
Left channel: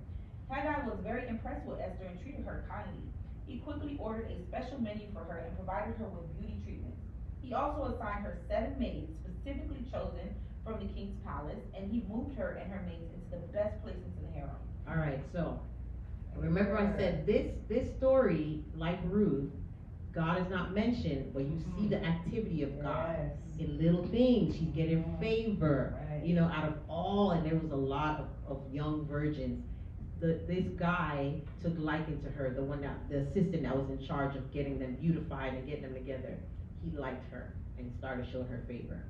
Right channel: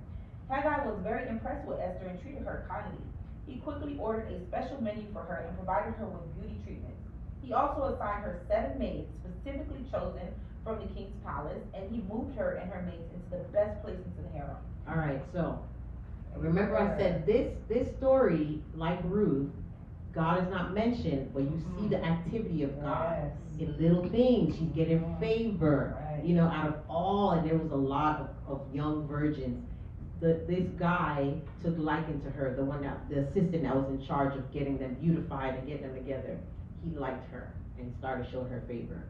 Haggai was very impressed with Esther and treated her kindly. He quickly ordered a special menu for her and provided her with beauty treatments. He also assigned her 7 maids specifically chosen from the king's palace, and he moved her and her maids into the best places in the harem. All right, so remember I said this story, like Ruth, God is not mentioned, but you see the activity of God Yes. in little things. She's getting favor, Right. out of all, and there was a lot of young virgins. This guy took liking to her, the assistant that was in charge of getting them beautified and getting them together. He liked her and started showing her favor.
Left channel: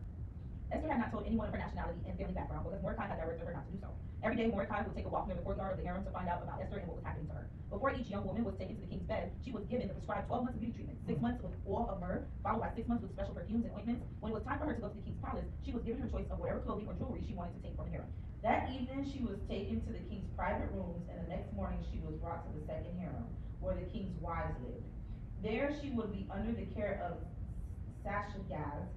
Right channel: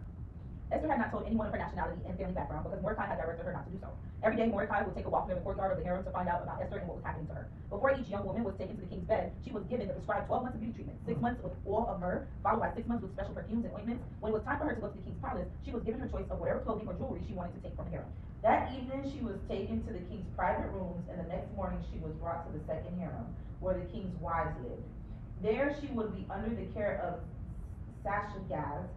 Esther had not told anyone of her nationality and family background because Mordecai had directed her not to do so. Every day, Mordecai would take a walk near the courtyard of the harem to find out about Esther and what was happening to her. Before each young woman was taken to the king's bed, she was given the prescribed 12 months of beauty treatment, 6 months with oil of myrrh, followed by 6 months with special perfumes and ointments. When it was time for her to go to the king's palace, she was given her choice of whatever clothing or jewelry she wanted to take from the harem. That evening she was taken to the king's private rooms, and the next morning she was brought to the second harem, where the king's wives lived. There she would be under the care of Sashagaz,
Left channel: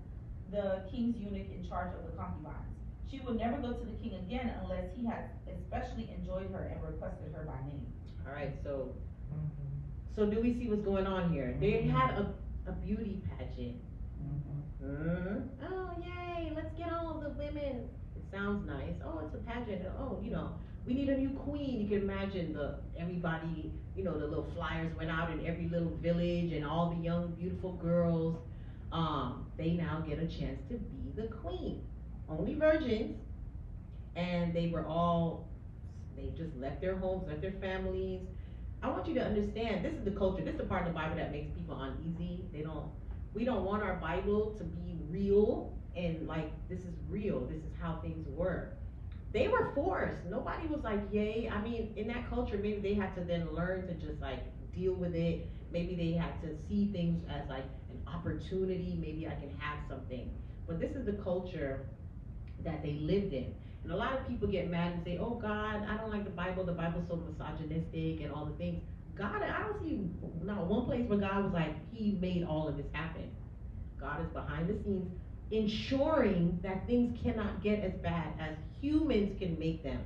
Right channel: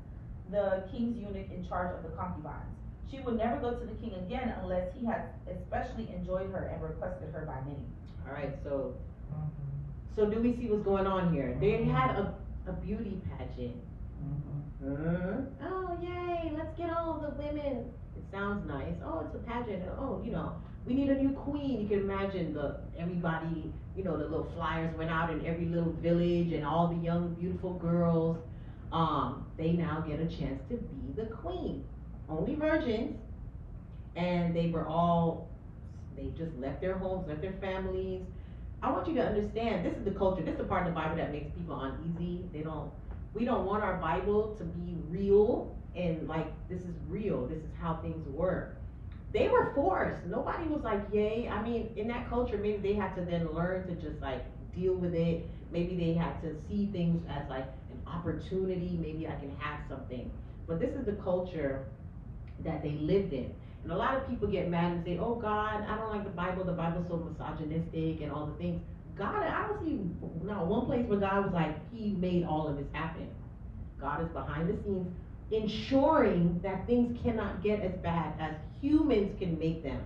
the king's eunuch in charge of the concubines. She would never go to the king again unless he had especially enjoyed her and requested her by name. All right, so Mhm. so do we see what's going on here? They had a beauty pageant. Mhm. Oh, yay, let's get all the women. It sounds nice. Oh, it's a pageant. Oh, we need a new queen. You can imagine everybody, the little flyers went out in every little village, and all the young, beautiful girls, they now get a chance to be the queen. Only virgins, and they just left their homes, left their families. I want you to understand, this is the culture, this is the part of the Bible that makes people uneasy. We don't want our Bible to be real, and like, this is real, this is how things work. They were forced. Nobody was like, yay. I mean, in that culture, maybe they had to then learn to just like deal with it. Maybe they had to see things as like an opportunity. Maybe I can have something. But this is the culture that they lived in. And a lot of people get mad and say, oh God, I don't like the Bible's so misogynistic and all the things. God, I don't see not one place where God was like, he made all of this happen. God is behind the scenes ensuring that things cannot get as bad as humans can make them.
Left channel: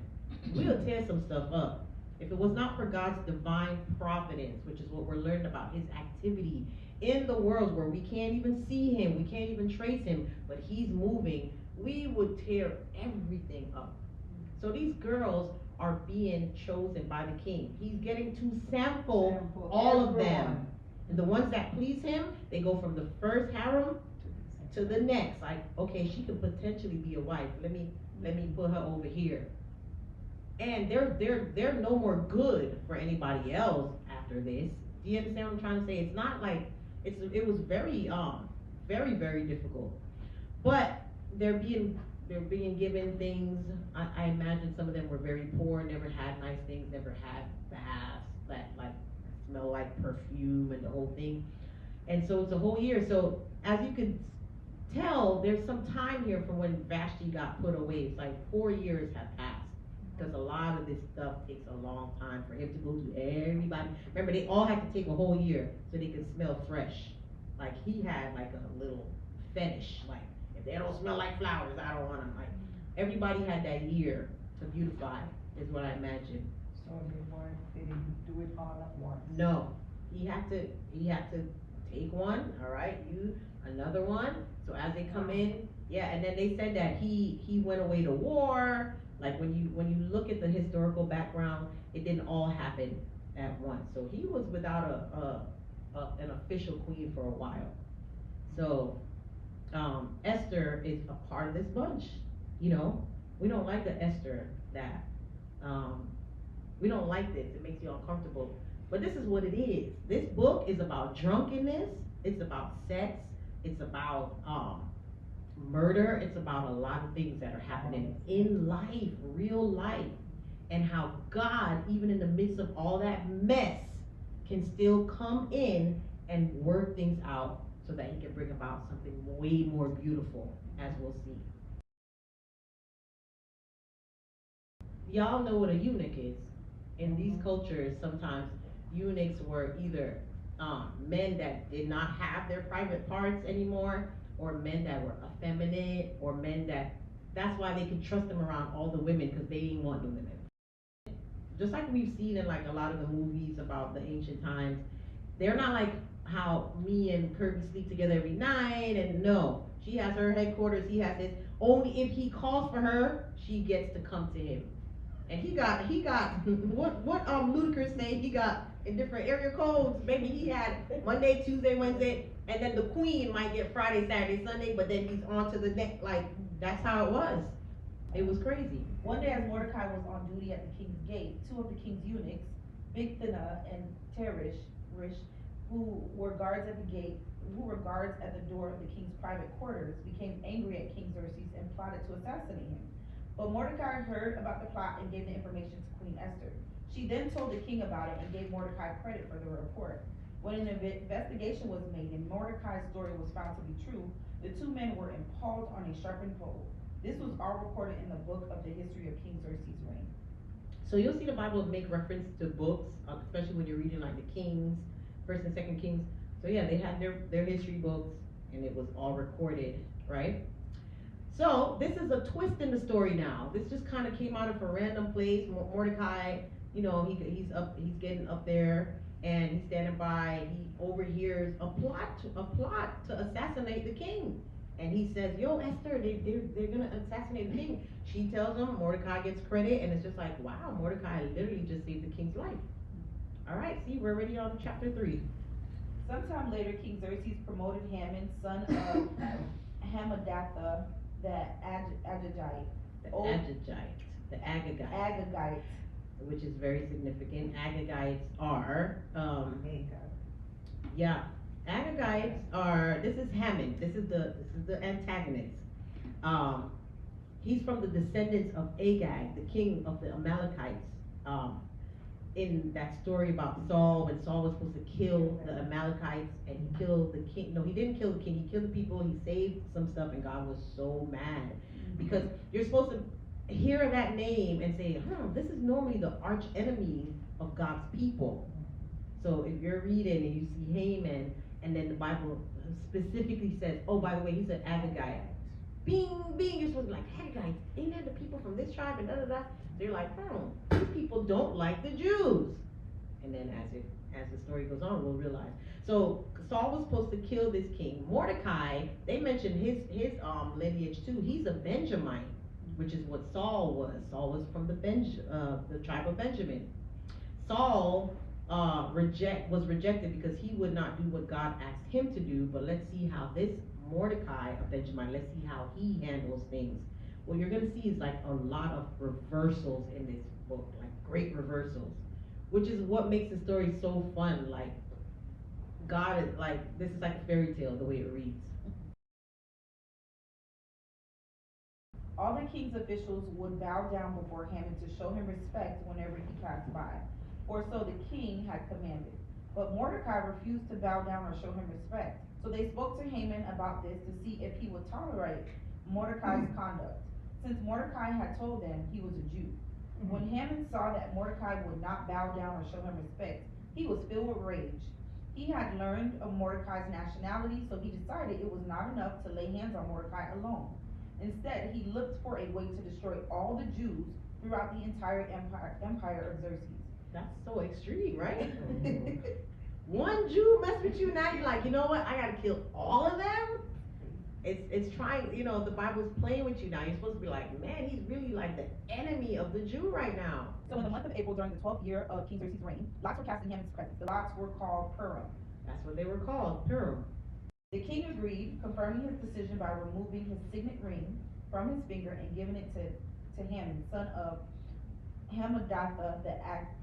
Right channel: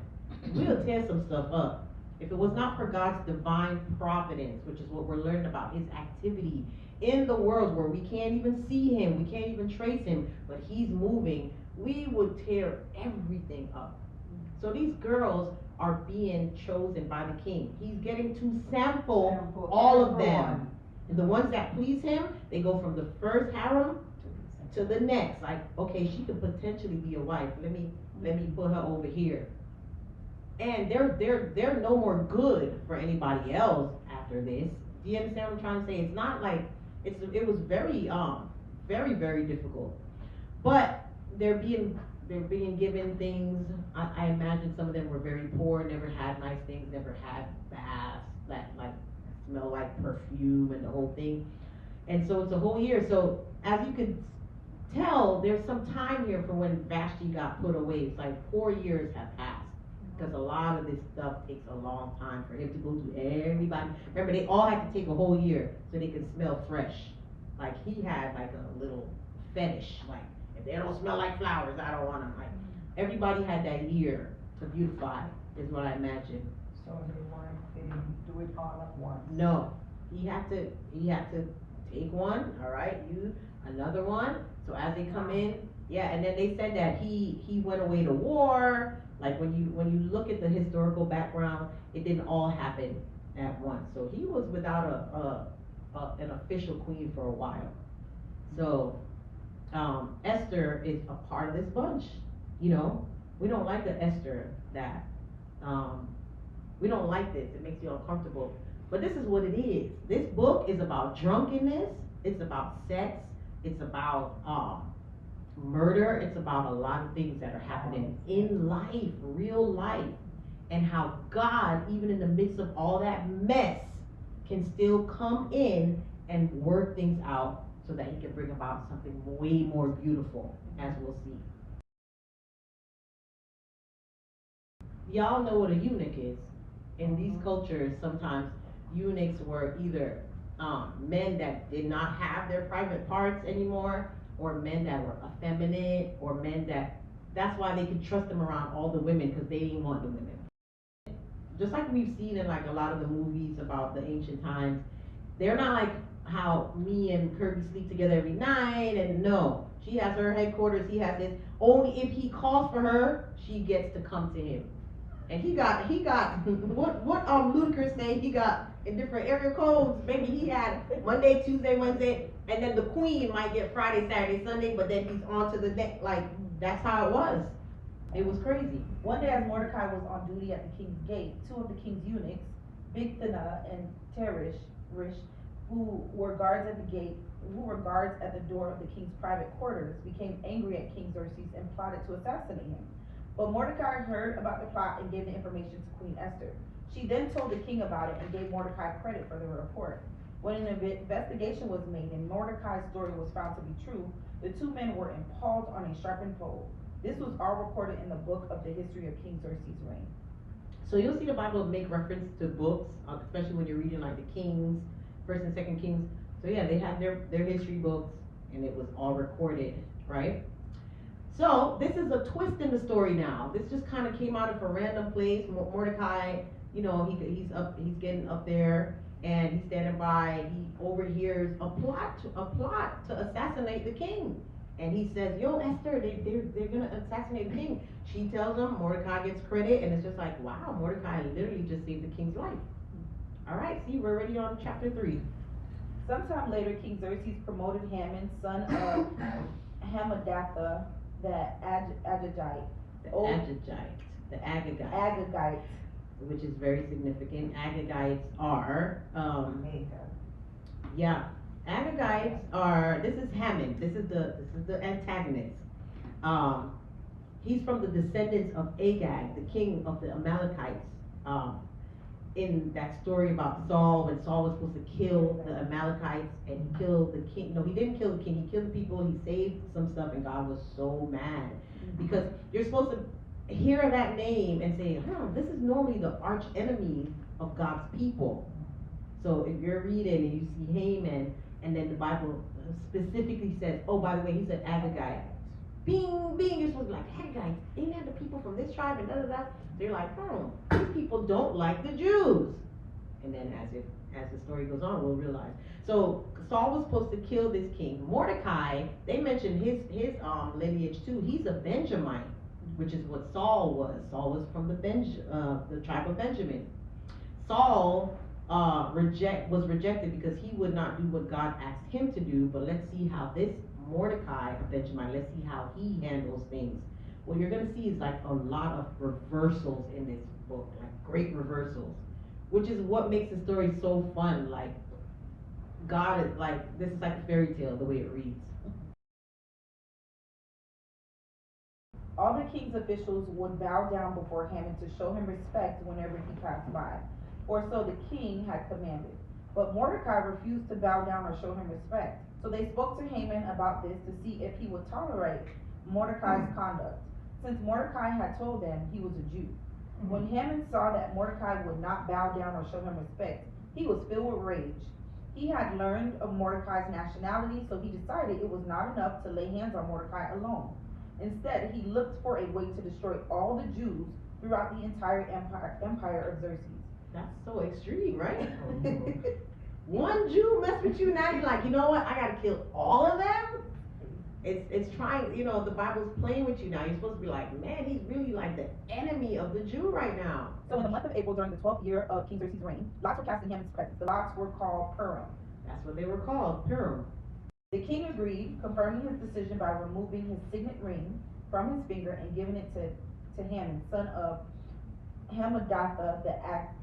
We'll tear some stuff up. If it was not for God's divine providence, which is what we're learning about, his activity in the world where we can't even see him, we can't even trace him, but he's moving, we would tear everything up. So these girls are being chosen by the king. He's getting to sample all of them. And the ones that please him, they go from the first harem to the next. Like, okay, she could potentially be a wife. Let me put her over here. And they're no more good for anybody else after this. Do you understand what I'm trying to say? It's not like it was very very, very difficult. But they're being given things. I imagine some of them were very poor, never had nice things, never had baths that like smell like perfume and the whole thing. And so it's a whole year. So as you could tell, there's some time here for when Vashti got put away. It's like 4 years have passed. Because a lot of this stuff takes a long time for him to go to everybody. Remember, they all had to take a whole year so they could smell fresh. Like he had like a little fetish. Like, if they don't smell like flowers, I don't want them. Like, everybody had that year to beautify, is what I imagine. So they didn't do it all at once. No, he had to take one. All right, another one. So as they come in, yeah, and then they said that he went away to war. Like when you look at the historical background, it didn't all happen at once. So he was without an official queen for a while. So Esther is a part of this bunch. We don't like the Esther that we don't like this. It makes you uncomfortable. But this is what it is. This book is about drunkenness. It's about sex. It's about murder. It's about a lot of things that are happening in life, real life, and how God, even in the midst of all that mess, can still come in and work things out so that he can bring about something way more beautiful, as we'll see. Y'all know what a eunuch is. In these cultures, sometimes eunuchs were either men that did not have their private parts anymore, or men that were effeminate, or men that's why they could trust them around all the women, because they didn't want the women. Just like we've seen in like a lot of the movies about the ancient times, they're not like how me and Kirby sleep together every night, and no, she has her headquarters, he has his. Only if he calls for her, she gets to come to him. And he got what Ludacris say he got in different area codes. Maybe he had Monday, Tuesday, Wednesday, and then the queen might get Friday, Saturday, Sunday, but then he's on to the next. Like that's how it was. It was crazy. One day as Mordecai was on duty at the king's gate, two of the king's eunuchs, Bigthana and Teresh, who were guards at the door of the king's private quarters, became angry at King Xerxes and plotted to assassinate him. But Mordecai heard about the plot and gave the information to Queen Esther. She then told the king about it and gave Mordecai credit for the report. When an investigation was made and Mordecai's story was found to be true, the two men were impaled on a sharpened pole. This was all recorded in the book of the history of King Xerxes' reign. So you'll see the Bible make reference to books, especially when you're reading like the Kings, First and Second Kings. So yeah, they had their history books, and it was all recorded, right? So this is a twist in the story now. This just kind of came out of a random place. Mordecai, he's getting up there, and he's standing by. He overhears a plot to assassinate the king. And he says, "Yo, Esther, they're gonna assassinate the king." She tells him. Mordecai gets credit, and it's just like, wow, Mordecai literally just saved the king's life. All right, see, we're already on chapter 3. Sometime later, King Xerxes promoted Haman, son of Hammedatha, the Agagite. The Agagite, which is very significant. Agagites are, Agagites are. This is Haman. This is the antagonist. He's from the descendants of Agag, the king of the Amalekites. In that story about Saul, when Saul was supposed to kill the Amalekites and he killed the king. No, he didn't kill the king. He killed the people. He saved some stuff, and God was so mad because you're supposed to hear that name and say, this is normally the arch enemy of God's people. So if you're reading and you see Haman, and then the Bible specifically says, oh, by the way, he said Agagite. Bing, you're supposed to be like, Agagites, ain't that the people from this tribe and da-da-da? They're like, these people don't like the Jews. And then as the story goes on, we'll realize. So Saul was supposed to kill this king. Mordecai, they mentioned his lineage too. He's a Benjamite, which is what Saul was. Saul was from the tribe of Benjamin. Saul was rejected because he would not do what God asked him to do. But let's see how this Mordecai, a Benjamite, let's see how he handles things. What you're going to see is like a lot of reversals in this book, like great reversals, which is what makes the story so fun. Like, God is like, this is like a fairy tale, the way it reads. All the king's officials would bow down before Haman to show him respect whenever he passed by, or so the king had commanded. But Mordecai refused to bow down or show him respect. So they spoke to Haman about this to see if he would tolerate Mordecai's conduct, since Mordecai had told them he was a Jew. When Haman saw that Mordecai would not bow down or show him respect, he was filled with rage. He had learned of Mordecai's nationality, so he decided it was not enough to lay hands on Mordecai alone. Instead, he looked for a way to destroy all the Jews throughout the entire empire of Xerxes. That's so extreme, right? One Jew mess with you, now you're like, you know what, I gotta kill all of them? It's trying, the Bible's playing with you now. You're supposed to be like, man, he's really like the enemy of the Jew right now. So in the month of April, during the 12th year of King Xerxes' reign, lots were cast in Haman's presence. The lots were called Purim. That's what they were called, Purim. The king agreed, confirming his decision by removing his signet ring from his finger and giving it to Haman, son of Hammedatha the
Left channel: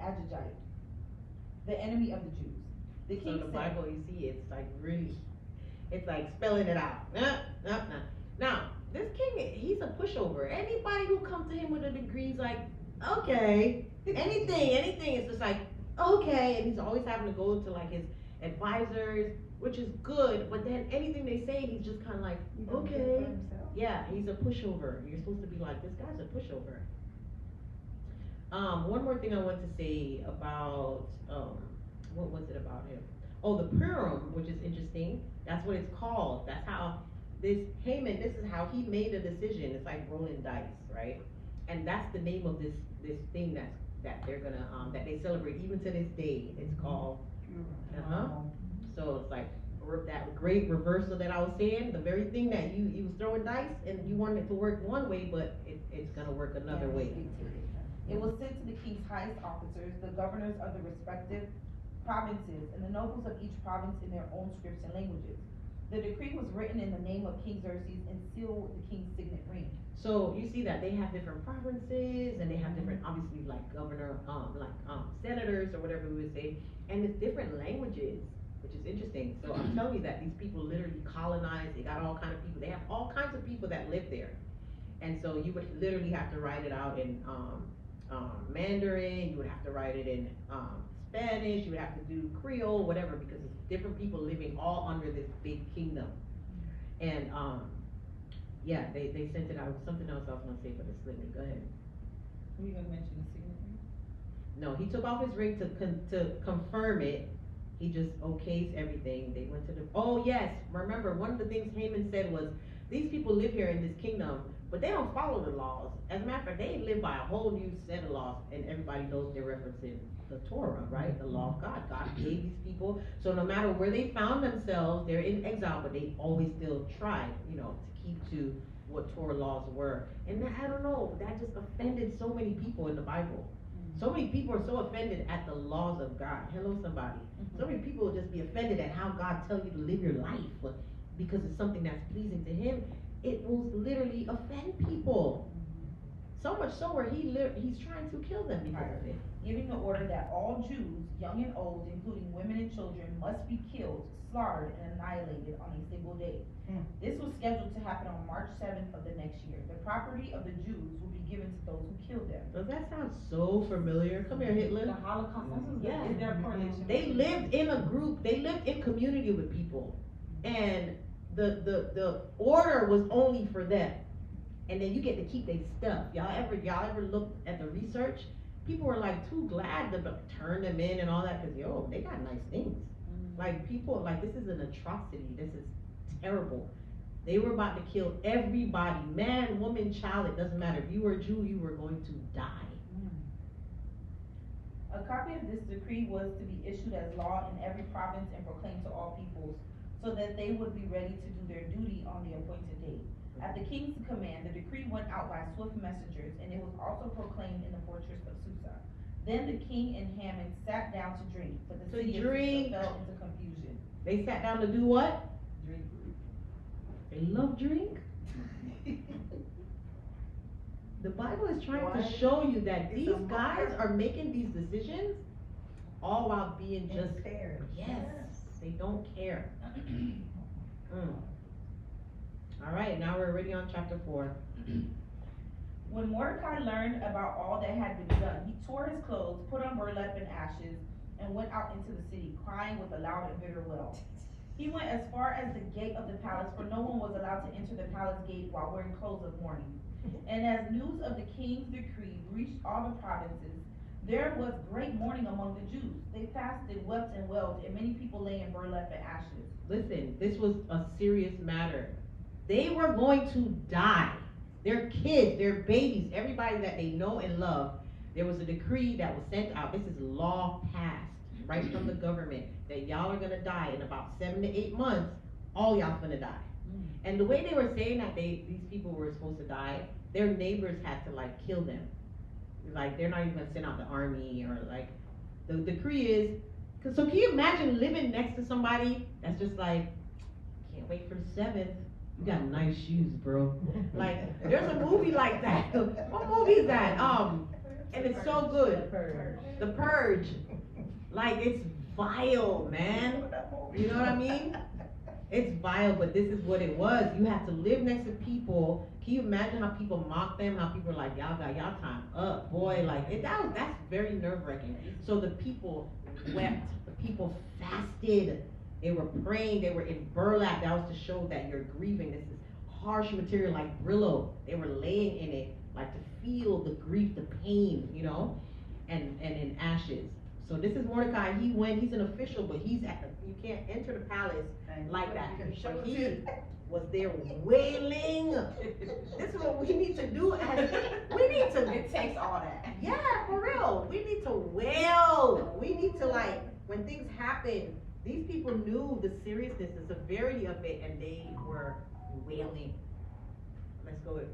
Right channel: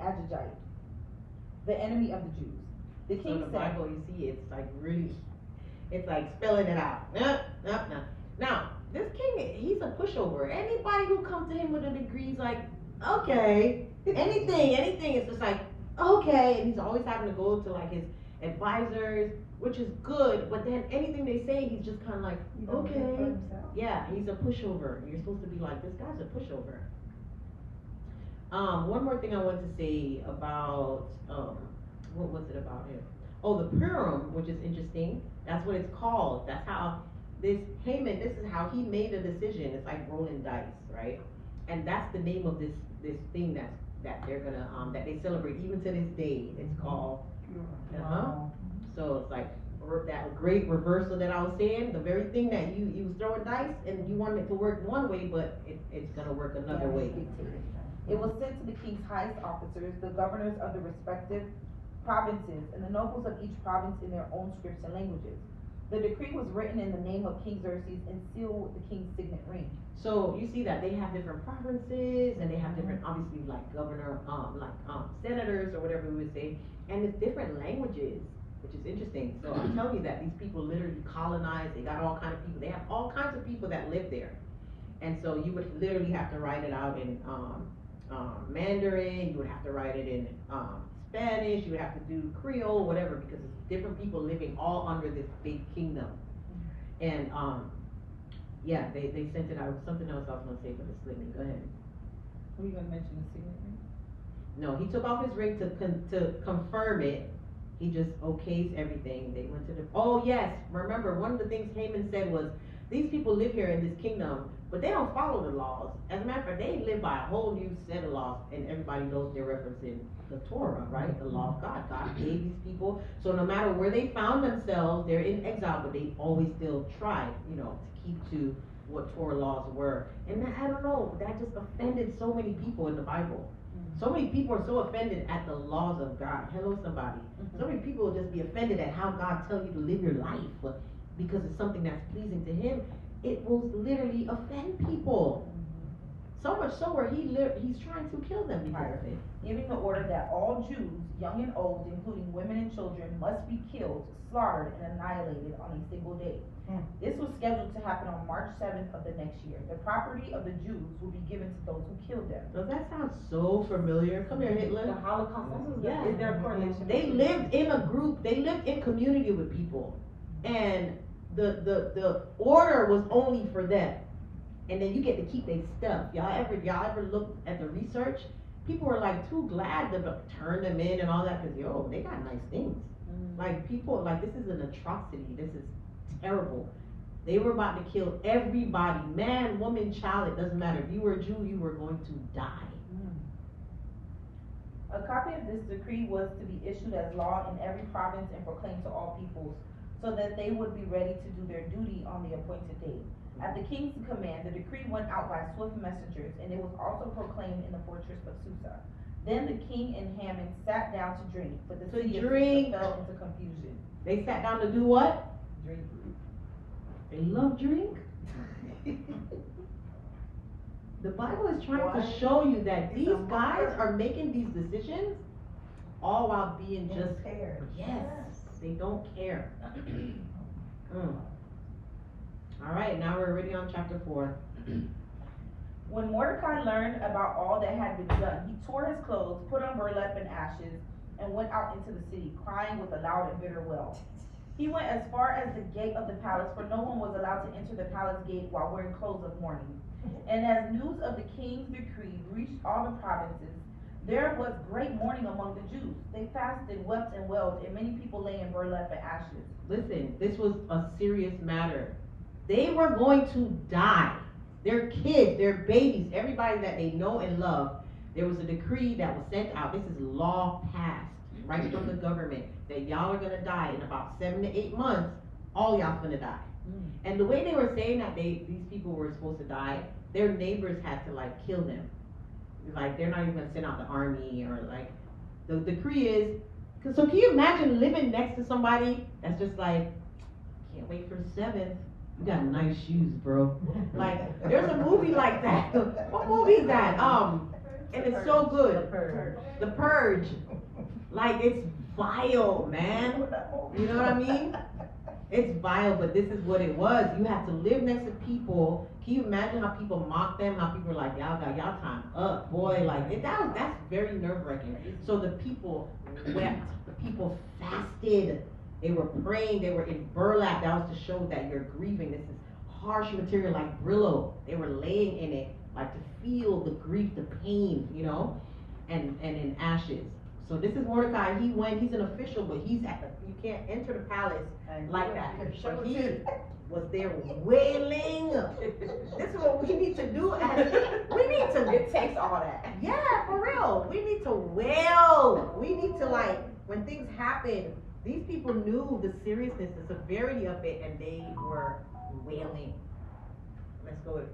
Agagite, the enemy of the Jews. The king so the Bible, you see, it's like really, it's like spelling it out. Now, this king, he's a pushover. Anybody who comes to him with a degree is like, okay, anything is just like, okay, and he's always having to go to like his advisors, which is good, but then anything they say, he's just kind of like, okay. Yeah, he's a pushover. You're supposed to be like, this guy's a pushover. One more thing I wanted to say about, what was it about him? Oh, the Purim, which is interesting. That's what it's called. That's how Haman, this is how he made a decision. It's like rolling dice, right? And that's the name of this thing that they're gonna, that they celebrate even to this day. It's called, So it's like that great reversal that I was saying, the very thing that you was throwing dice and you wanted it to work one way, but it's gonna work another way. It was sent to the king's highest officers, the governors of the respective provinces, and the nobles of each province in their own scripts and languages. The decree was written in the name of King Xerxes and sealed with the king's signet ring. So you see that they have different provinces and they have different, obviously, like governor, senators or whatever we would say, and it's different languages, which is interesting. So I'm telling you that these people literally colonized. They got all kinds of people. They have all kinds of people that live there, and so you would literally have to write it out in Mandarin. You would have to write it in Spanish. You would have to do Creole, whatever, because it's different people living all under this big kingdom, and yeah, they sent it out. Something else I was gonna say, but it slipped me. Go ahead. Were you gonna mention the signet ring? No, he took off his ring to confirm it. He just okays everything. They went to the. Oh yes, remember one of the things Haman said was, these people live here in this kingdom, but they don't follow the laws. As a matter of fact, they live by a whole new set of laws, and everybody knows they're referencing the Torah, right? The law of God. God gave these people. So no matter where they found themselves, they're in exile, but they always still try, to keep to what Torah laws were. And that, I don't know, that just offended so many people in the Bible. So many people are so offended at the laws of God. Hello, somebody. So many people will just be offended at how God tells you to live your life because it's something that's pleasing to Him. It will literally offend people. So much so where he's trying to kill them because of it. Giving the order that all Jews, young and old, including women and children, must be killed, slaughtered, and annihilated on a single day. This was scheduled to happen on March 7th of the next year. The property of the Jews will be given to those who killed them. Does that sound so familiar? Come here, Hitler. The Holocaust. Yeah. Is there a correlation? They lived in a group. They lived in community with people, and the order was only for them. And then you get to keep their stuff. Y'all ever looked at the research? People were like too glad to turn them in and all that because they got nice things. Like people, like this is an atrocity. This is terrible. They were about to kill everybody, man, woman, child. It doesn't matter. If you were a Jew, you were going to die. A copy of this decree was to be issued as law in every province and proclaimed to all peoples, so that they would be ready to do their duty on the appointed date. At the king's command, the decree went out by swift messengers, and it was also proclaimed in the fortress of Susa. Then the king and Haman sat down to drink, but the city of Susa fell into confusion. They sat down to do what? Drink. They love drink. The Bible is trying to show you that these guys are making these decisions all while being just yes, they don't care. All right, now we're already on chapter 4. When Mordecai learned about all that had been done, he tore his clothes, put on burlap and ashes, and went out into the city, crying with a loud and bitter wail. He went as far as the gate of the palace, for no one was allowed to enter the palace gate while wearing clothes of mourning. And as news of the king's decree reached all the provinces, there was great mourning among the Jews. They fasted, wept, and wailed, and many people lay in burlap and ashes. Listen, this was a serious matter. They were going to die. Their kids, their babies, everybody that they know and love. There was a decree that was sent out. This is law passed right from the government that y'all are gonna die in about 7 to 8 months. All y'all gonna die. And the way they were saying that these people were supposed to die, their neighbors had to like kill them. Like they're not even gonna send out the army or like the decree is. So can you imagine living next to somebody that's just like, can't wait for the 7th. You got nice shoes, bro. Like, there's a movie like that. What movie is that? And it's so good. The Purge. Like, it's vile, man. You know what I mean? It's vile, but this is what it was. You have to live next to people. Can you imagine how people mock them? How people are like, y'all got y'all time up, boy. Like, that's very nerve-wracking. So the people wept. The people fasted. They were praying, they were in burlap. That was to show that you're grieving. This is harsh material like Brillo. They were laying in it, like to feel the grief, the pain, and in ashes. So this is Mordecai. He's an official, but you can't enter the palace like that. But he was there wailing. This is what we need to do it takes all that. Yeah, for real. We need to wail. We need to when things happen, these people knew the seriousness, the severity of it, and they were wailing. Let's go with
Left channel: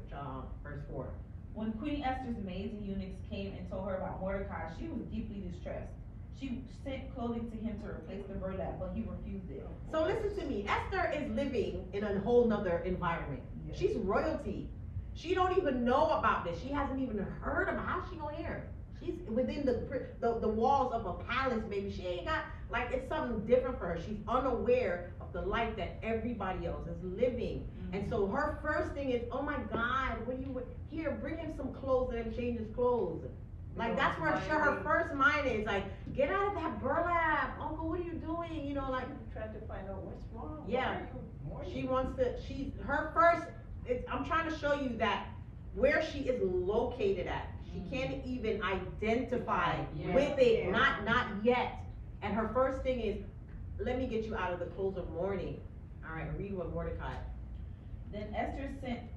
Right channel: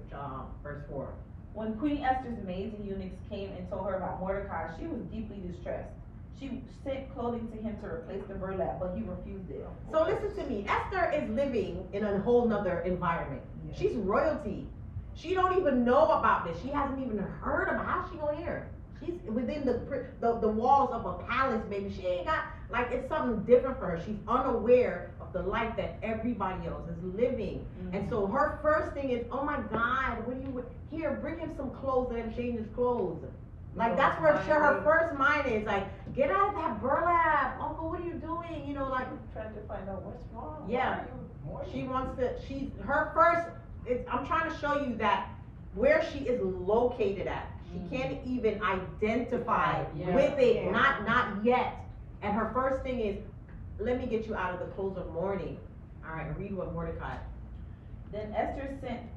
verse 4. When Queen Esther's maids and eunuchs came and told her about Mordecai, she was deeply distressed. She sent clothing to him to replace the burlap, but he refused it. So listen to me, Esther is living in a whole nother environment. Yeah. She's royalty. She don't even know about this. She hasn't even heard about how she gonna hear. She's within the walls of a palace, baby. She ain't got, like, it's something different for her. She's unaware of the life that everybody else is living. And so her first thing is, oh my God, what do you, here, bring him some clothes, let him change his clothes. Like, that's where her first mind is, like, get out of that burlap, uncle, what are you doing? You know, like, Trying to find out what's wrong. yeah, Why are you she mourning? wants to, her first, I'm trying to show you that where she is located at, she can't even identify Yeah. with it, Yeah. not yet. And her first thing is, let me get you out of the clothes of mourning. All right, read what Mordecai. Then Esther sent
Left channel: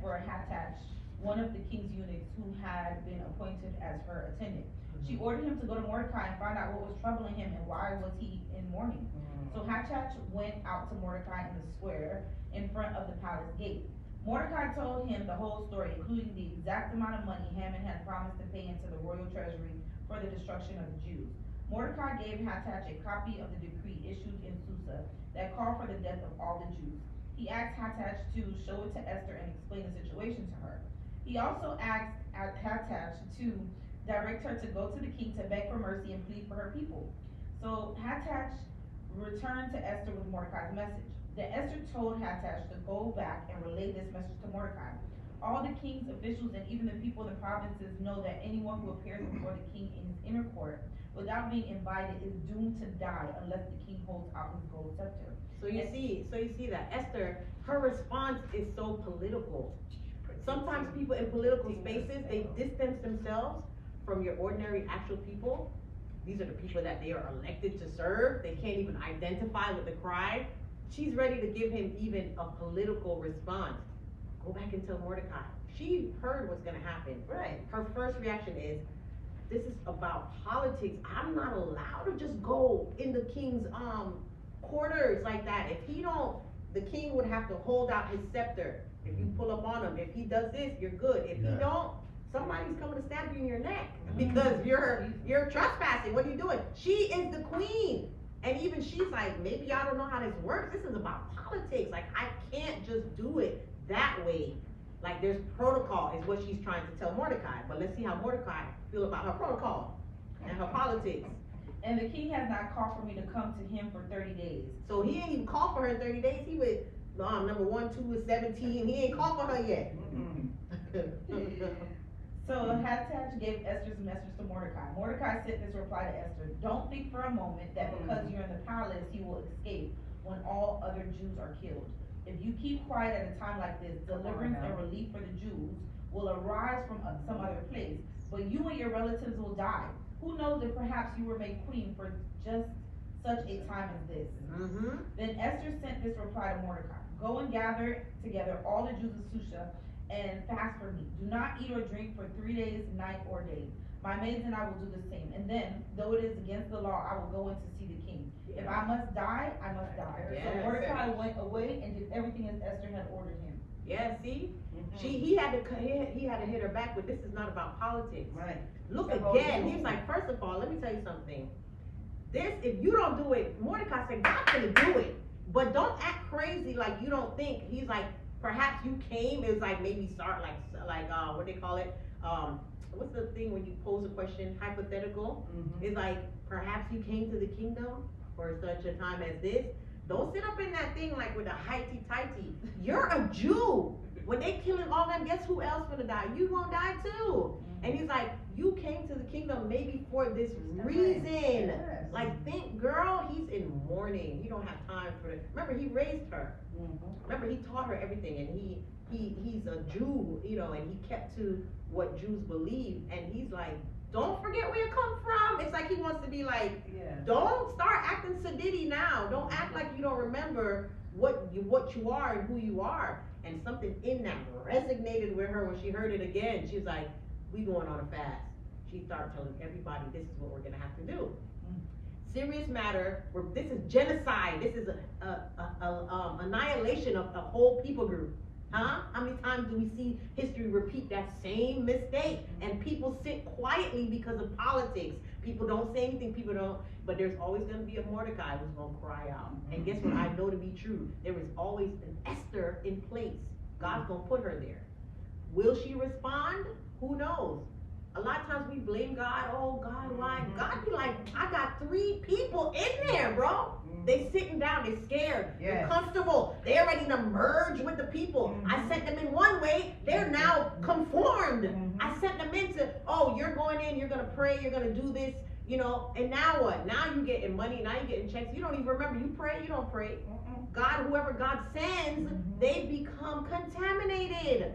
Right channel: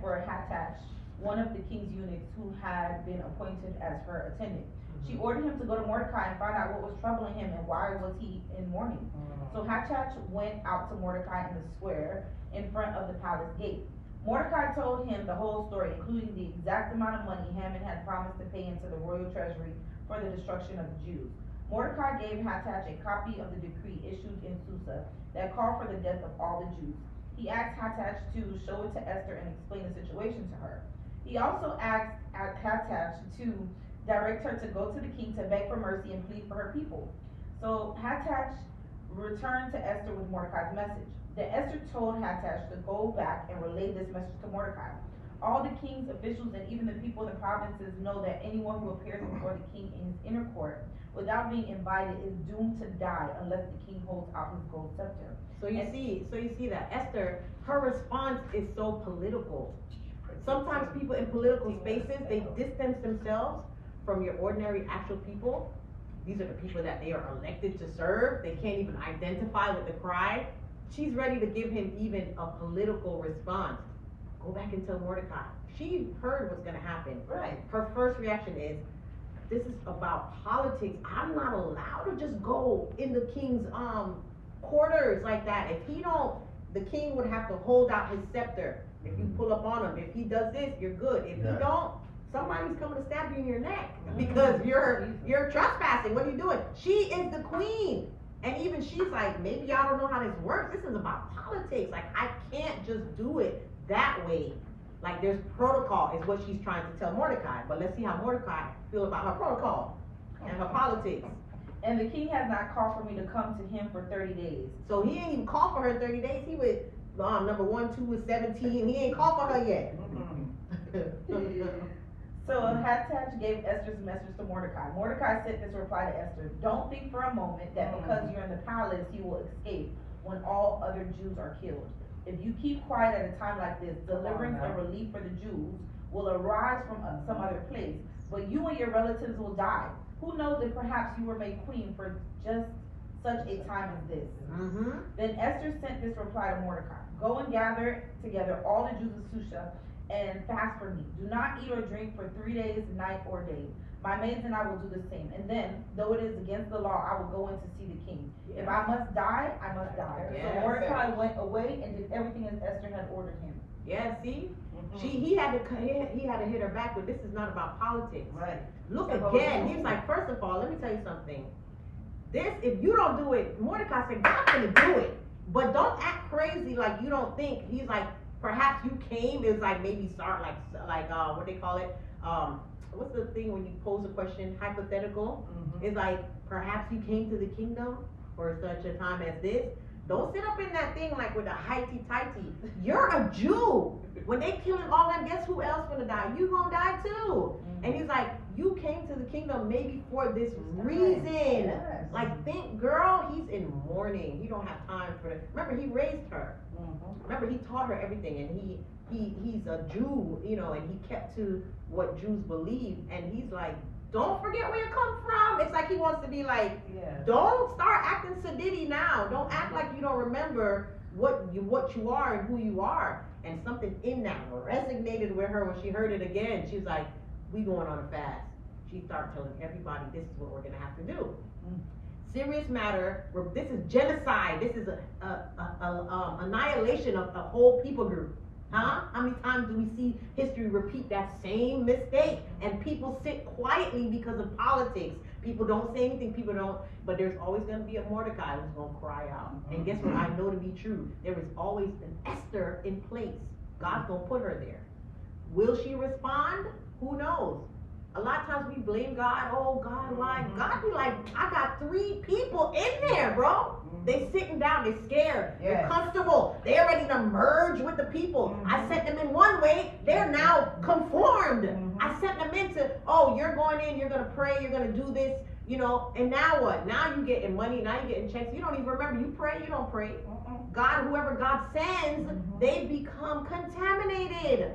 for Hattach, one of the king's eunuchs who had been appointed as her attendant. She ordered him to go to Mordecai and find out what was troubling him and why was he in mourning. So Hattach went out to Mordecai in the square in front of the palace gate. Mordecai told him the whole story, including the exact amount of money Haman had promised to pay into the royal treasury for the destruction of the Jews. Mordecai gave Hattach a copy of the decree issued in Susa that called for the death of all the Jews. He asked Hattach to show it to Esther and explain the situation to her. He also asked Hattach to direct her to go to the king to beg for mercy and plead for her people. So Hattach returned to Esther with Mordecai's message. Then Esther told Hattach to go back and relay this message to Mordecai. All the king's officials and even the people in the provinces know that anyone who appears before the king in his inner court without being invited is doomed to die unless the king holds out his gold scepter. So you see that Esther, her response is so political. Sometimes people in political spaces, they distance themselves from your ordinary actual people. These are the people that they are elected to serve. They can't even identify with the cry. She's ready to give him even a political response. Go back and tell Mordecai. She heard what's gonna happen. Right. Her first reaction is, this is about politics. I'm not allowed to just go in the king's quarters like that. If he don't, the king would have to hold out his scepter. If you pull up on him, if he does this, you're good. If he don't, somebody's coming to stab you in your neck because you're trespassing. What are you doing? She is the queen. And even she's like, maybe y'all don't know how this works. This is about politics. Like, I can't just do it that way. Like, there's protocol is what she's trying to tell Mordecai. But let's see how Mordecai feel about her protocol and her politics. And the king has not called for me to come to him for 30 days. So he ain't even called for her in 30 days. He with number 1, 2 with 17. He ain't called for her yet. So Hattach gave Esther's message to Mordecai. Mordecai sent this reply to Esther: don't think for a moment that because you're in the palace you will escape when all other Jews are killed. If you keep quiet at a time like this, deliverance and relief for the Jews will arise from some other place, but you and your relatives will die. Who knows if perhaps you were made queen for just such a time as this. Then Esther sent this reply to Mordecai: go and gather together all the Jews of Susa and fast for me. Do not eat or drink for 3 days, night or day. My maids and I will do the same. And then, though it is against the law, I will go in to see the king. If I must die, I must die. Yes. So Mordecai went away and did everything as Esther had ordered him. Yeah, see? He had to hit her back, but this is not about politics. Right. Look again, he's like, first of all, let me tell you something. This, if you don't do it, Mordecai said, God's gonna do it. But don't act crazy like you don't think. He's like, perhaps you came, is like maybe start like what they call it, what's the thing when you pose a question, hypothetical? It's like, perhaps you came to the kingdom for such a time as this. Don't sit up in that thing like with a highty-tighty. You're a Jew. When they killing all them, guess who else gonna die? You gonna die too. And he's like, you came to the kingdom maybe for this reason. Yes. Like, think, girl, he's in mourning. He don't have time for that. Remember, he raised her. Remember, he taught her everything, and he's a Jew, you know, and he kept to what Jews believe. And he's like, don't forget where you come from. It's like he wants to be like, don't start acting sedity now. Don't act like you don't remember what you are and who you are. And something in that resonated with her when she heard it again. She was like, we going on a fast. She started telling everybody, this is what we're gonna have to do. Serious matter. This is genocide. This is annihilation of the whole people group. Huh? How many times do we see history repeat that same mistake? And people sit quietly because of politics. People don't say anything, people don't, but there's always gonna be a Mordecai who's gonna cry out. And guess what? I know to be true. There is always an Esther in place. God's gonna put her there. Will she respond? Who knows? A lot of times we blame God. Oh God, why? God be like, I got 3 people in there, bro. They sitting down, they scared, they're comfortable, they're ready to merge with the people. I sent them in one way, they're now conformed. I sent them into, oh, you're going in, you're gonna pray, you're gonna do this, you know, and now what? Now you getting money, now you getting checks, you don't even remember, you pray, you don't pray. God, whoever God sends, they become contaminated.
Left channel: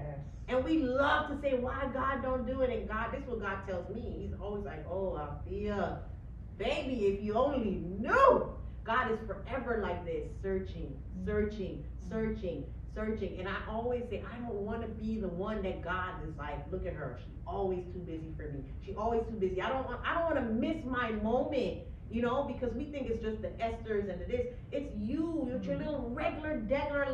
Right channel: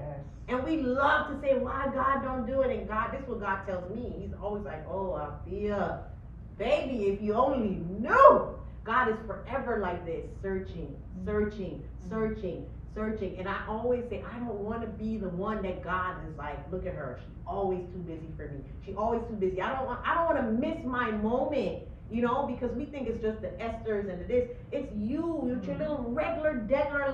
And we love to say, why God don't do it? And God, this is what God tells me. He's always like, oh, Althea, baby, if you only knew. God is forever like this, searching, searching, searching, searching. And I always say, I don't want to be the one that God is like, look at her. She's always too busy for me. She's always too busy. I don't want to miss my moment, you know, because we think it's just the Esthers and the this. It's you with your little regular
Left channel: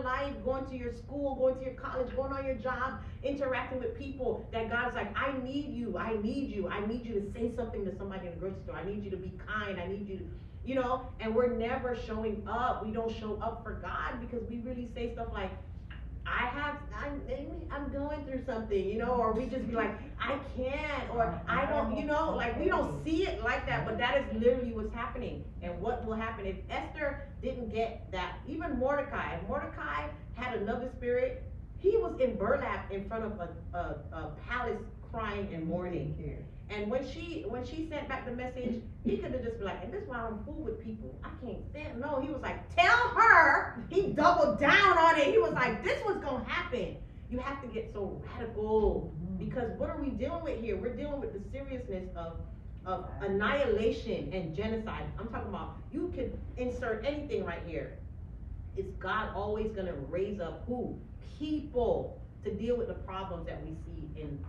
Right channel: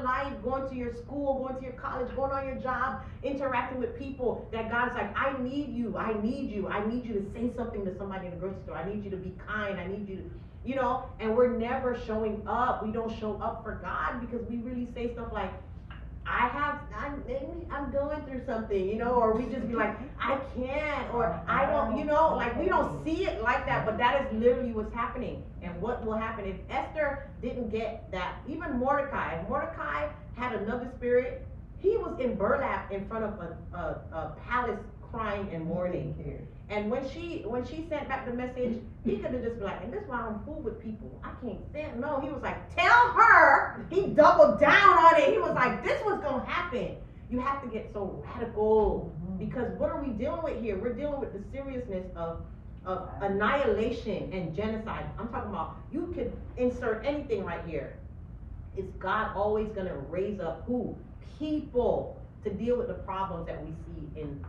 life, going to your school, going to your college, going on your job, interacting with people, that God's like, I need you. I need you to say something to somebody in the grocery store. I need you to be kind. I need you to, you know, and we're never showing up. We don't show up for God because we really say stuff like, I'm going through something, you know, or we just be like, I can't, or I don't, you know, like we don't see it like that, but that is literally what's happening. And what will happen if Esther didn't get that? Even Mordecai, if Mordecai had another spirit, he was in burlap in front of a palace crying and mourning. And when she sent back the message, he could have just been like, and this is why I don't fool with people. I can't stand. No, he was like, tell her. He doubled down on it. He was like, this was gonna happen. You have to get so radical, because what are we dealing with here? We're dealing with the seriousness of annihilation and genocide. I'm talking about, you could insert anything right here. Is God always gonna raise up who? People to deal with the problems that we see in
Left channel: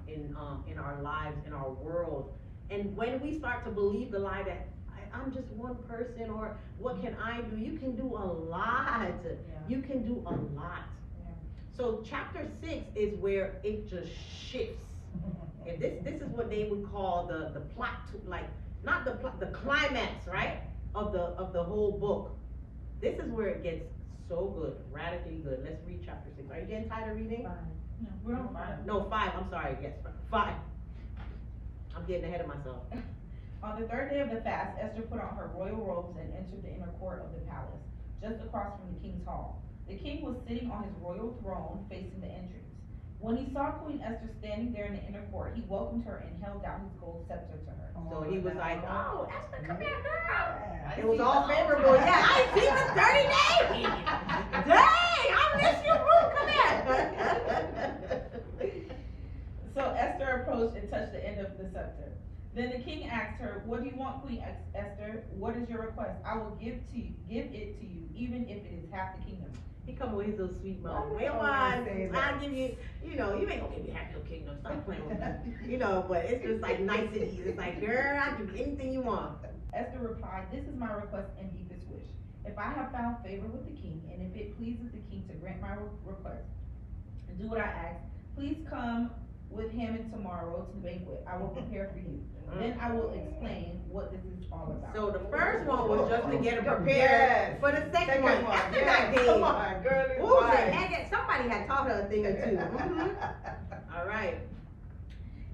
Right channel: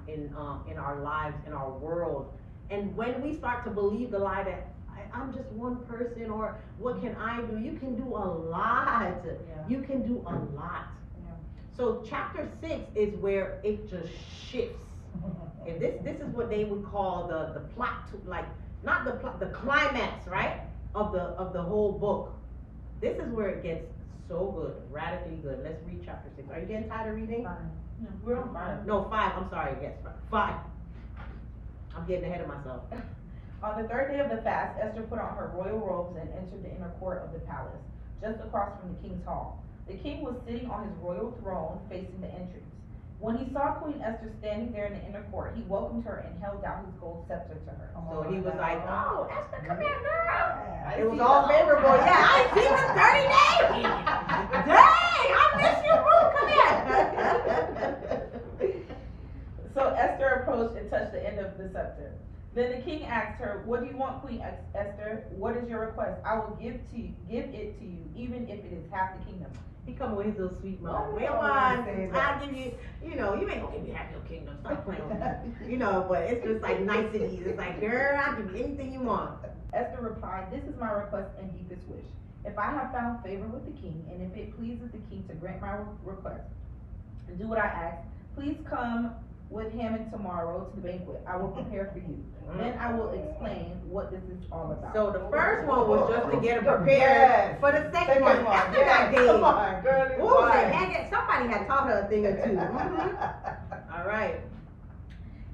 our lives, in our world. And when we start to believe the lie that I'm just one person, or what can I do? You can do a lot. You can do a lot. So chapter 6 is where it just shifts. If this is what they would call the plot, to, like, not the plot, the climax, right, of the whole book. This is where it gets so good, radically good. Let's read chapter 6. Are you getting tired of reading? No, we're on 5. No, 5. I'm sorry. Yes, 5. I'm getting ahead of myself. On the 3rd day of the fast, Esther put on her royal robes and entered the inner court of the palace, just across from the king's hall. The king was sitting on his royal throne facing the entrance. When he saw Queen Esther standing there in the inner court, he welcomed her and held down his gold scepter to her. So he was like, oh, Esther, come here, girl. I It was see all the favorable. whole time. Yeah, I ain't seen in 30 days. Dang, I miss you, boo. Come here. So Esther approached and touched the end of the scepter. Then the king asked her, what do you want, Queen Esther? What is your request? I will give it to you, even if it is half the kingdom. He come with his little sweet mouth. Why Wait you on, always say that? I'll give you, you know, you ain't gonna give me half your kingdom. Stop playing with me. You know, but it's just like niceties. It's like, girl, I'll give you anything you want. Esther replied, this is my request and deepest wish. If I have found favor with the king, and if it pleases the king to grant my request and do what I ask, please come with Haman tomorrow to the banquet. I will prepare for you. Then I will explain what this is all about. So the first one was just to get her prepared for the second one. After that day. Come on, girl. What was it? Somebody had taught her a thing or two. All right.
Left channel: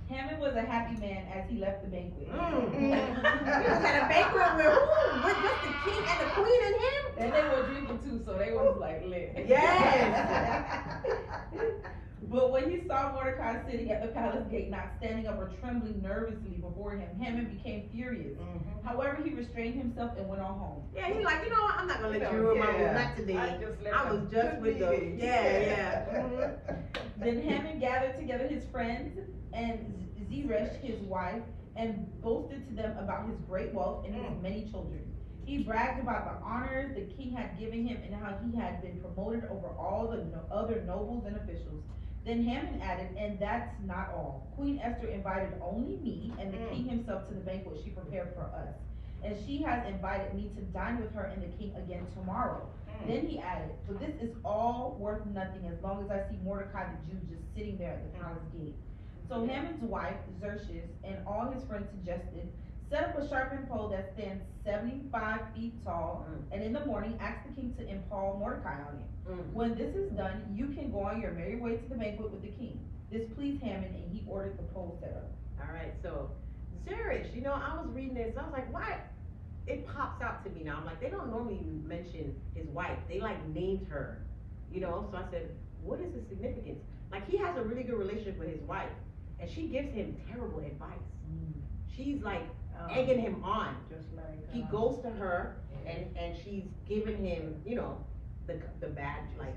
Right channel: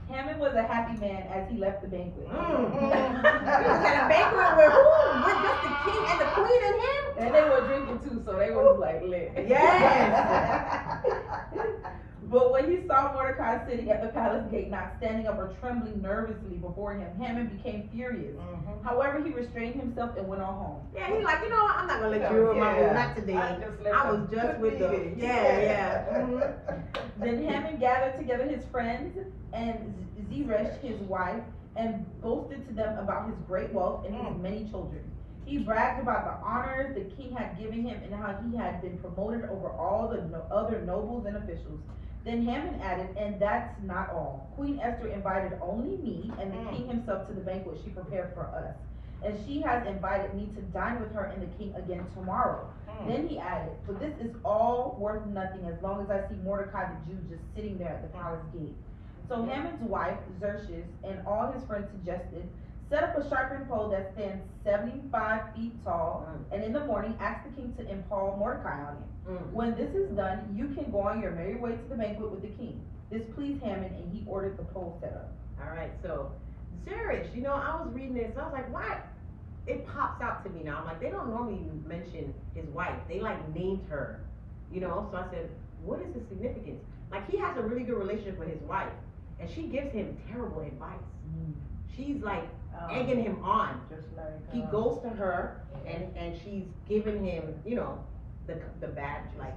Haman was a happy man as he left the banquet. He was at a banquet where who? With just the king and the queen and him? And they were drinking too, so they was like lit. Yes. But when he saw Mordecai sitting at the palace gate, not standing up or trembling nervously before him, Haman became furious. However, he restrained himself and went on home. Yeah, he's like, you know what? I'm not gonna let you ruin my mood. Not today. I was just with the Then Haman gathered together his friends and Zeresh, his wife, and boasted to them about his great wealth and his many children. He bragged about the honors the king had given him and how he had been promoted over all the other nobles and officials. Then Haman added, and that's not all. Queen Esther invited only me and the king himself to the banquet she prepared for us. and she has invited me to dine with her and the king again tomorrow. Then he added, but this is all worth nothing as long as I see Mordecai the Jew just sitting there at the palace gate. So Haman's wife, Xerxes, and all his friends suggested, set up a sharpened pole that stands 75 feet tall, and in the morning ask the king to impale Mordecai on it. When this is done, you can go on your merry way to the banquet with the king. This pleased Haman, and he ordered the pole set up. All right, so Zeresh, you know, I was reading this, I was like, why? It pops out to me now. I'm like, they don't normally mention his wife. They like named her, you know. So I said, what is the significance? Like, he has a really good relationship with his wife, and she gives him terrible advice. She's like egging him on. Just like He goes to her, and she's giving him, you know, the bad, like,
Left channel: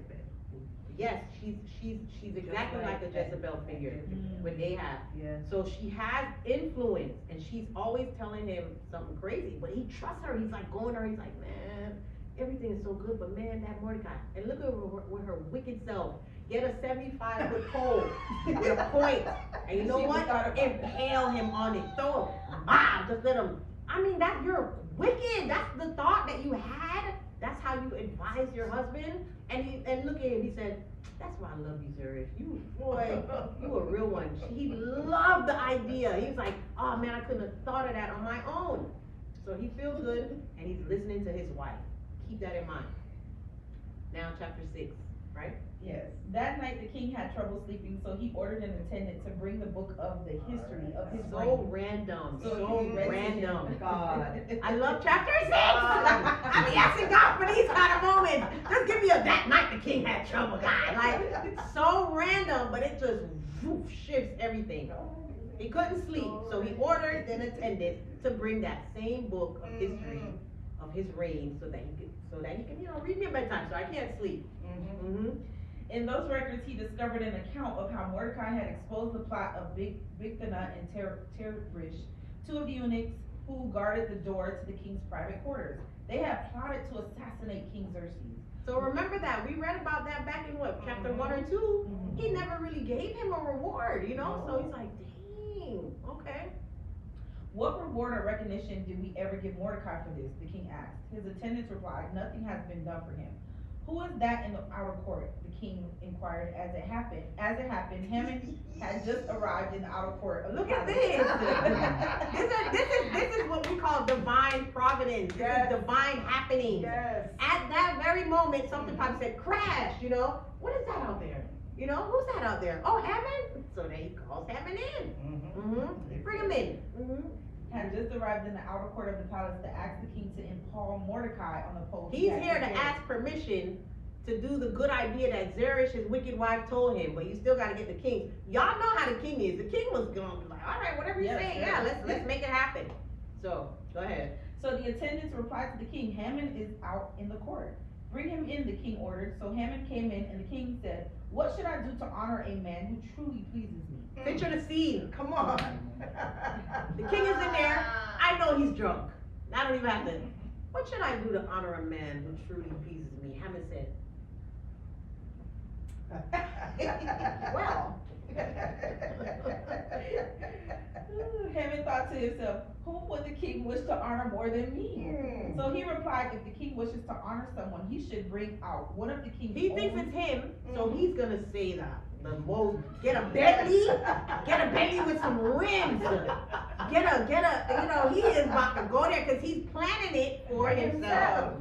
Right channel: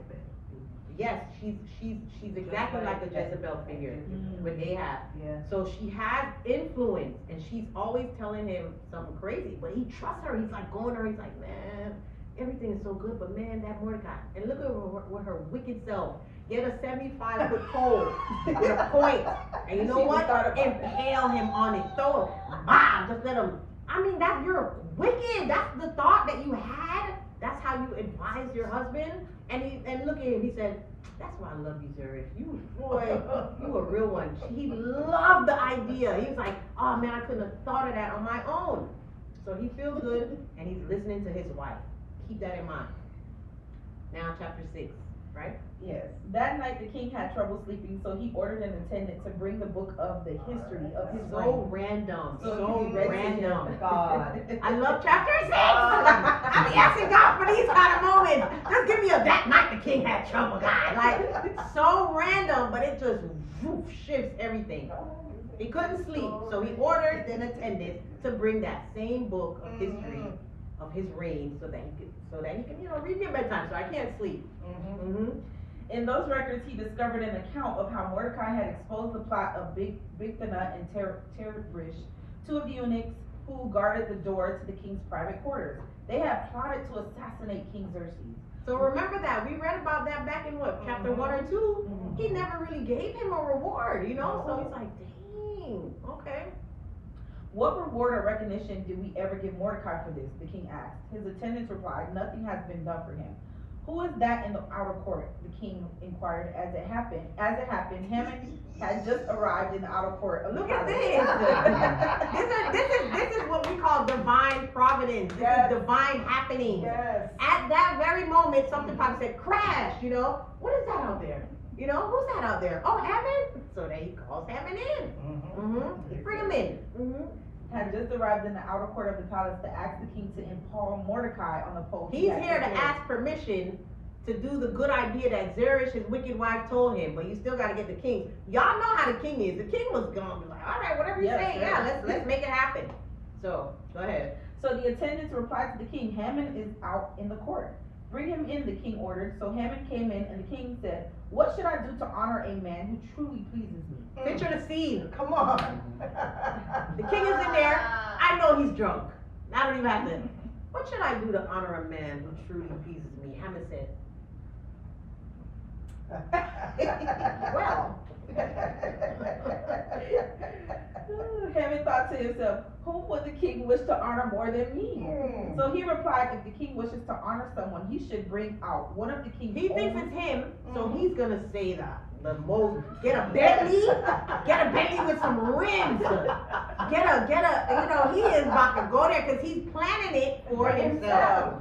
yes, she's exactly like a Jezebel figure with Ahab. Yeah. So she has influence, and she's always telling him something crazy, but he trusts her. He's like going to her, he's like, man, everything is so good, but man, that Mordecai. And look at her with her wicked self. Get a 75-foot pole with a point, and you know what? Impale him on it. Throw him, just let him. I mean, you're wicked. That's the thought that you had. That's how you advise your husband. And look at him. He said, "That's why I love you, Zeresh. You a real one." He loved the idea. He was like, "Oh man, I couldn't have thought of that on my own." So he feels good, and he's listening to his wife. Keep that in mind. Now, chapter 6, right? Yes. That night the king had trouble sleeping, so he ordered an attendant to bring the book of the history of his So reign. random. So So he read to random. him. God. I love chapter 6. I be asking God for these kind of moments. Just give me a that night the king had trouble, God. Like, so random, but it just shifts everything. He couldn't sleep, so he ordered an attendant to bring that same book of history of his reign, so that he can, you know, read me at bedtime, so I can't sleep. In those records, he discovered an account of how Mordecai had exposed the plot of Bigthana and Teresh, two of the eunuchs who guarded the door to the king's private quarters. They had plotted to assassinate King Xerxes. So remember that, we read about that back in what, chapter 1 or 2? He never really gave him a reward, you know, so he's like, dang, okay. What reward or recognition did we ever give Mordecai for this? The king asked. His attendants replied, nothing has been done for him. Who is that in the outer court? The king inquired. As it happened, Haman had just arrived in the outer court. Look at this. This is what we call divine providence. This is divine happening. Yes. At that very moment, something probably said, crash, you know. What is that out there? You know, who's that out there? Oh, Haman? So then he calls Haman in. Bring him in. Had just arrived in the outer court of the palace to ask the king to impale Mordecai on the pole. He's here to ask permission to do the good idea that Zeresh, his wicked wife, told him, but you still got to get the king. Y'all know how the king is. The king was gonna be like, all right, whatever you say, let's make it happen. So, go ahead. So the attendants replied to the king, Haman is out in the court. Bring him in, the king ordered. So Haman came in, and the king said, what should I do to honor a man who truly pleases me? Picture the scene. Come on. The king is in there. I know he's drunk. I don't even have to. What should I do to honor a man who truly pleases me? Haman said, well. Haman thought to himself, whom would the king wish to honor more than me? So he replied, if the king wishes to honor someone, he should bring out one of the king's He thinks it's him, so he's gonna say the most, get a Bentley with some rims. Get a, you know, he is about to go there because he's planning it for himself.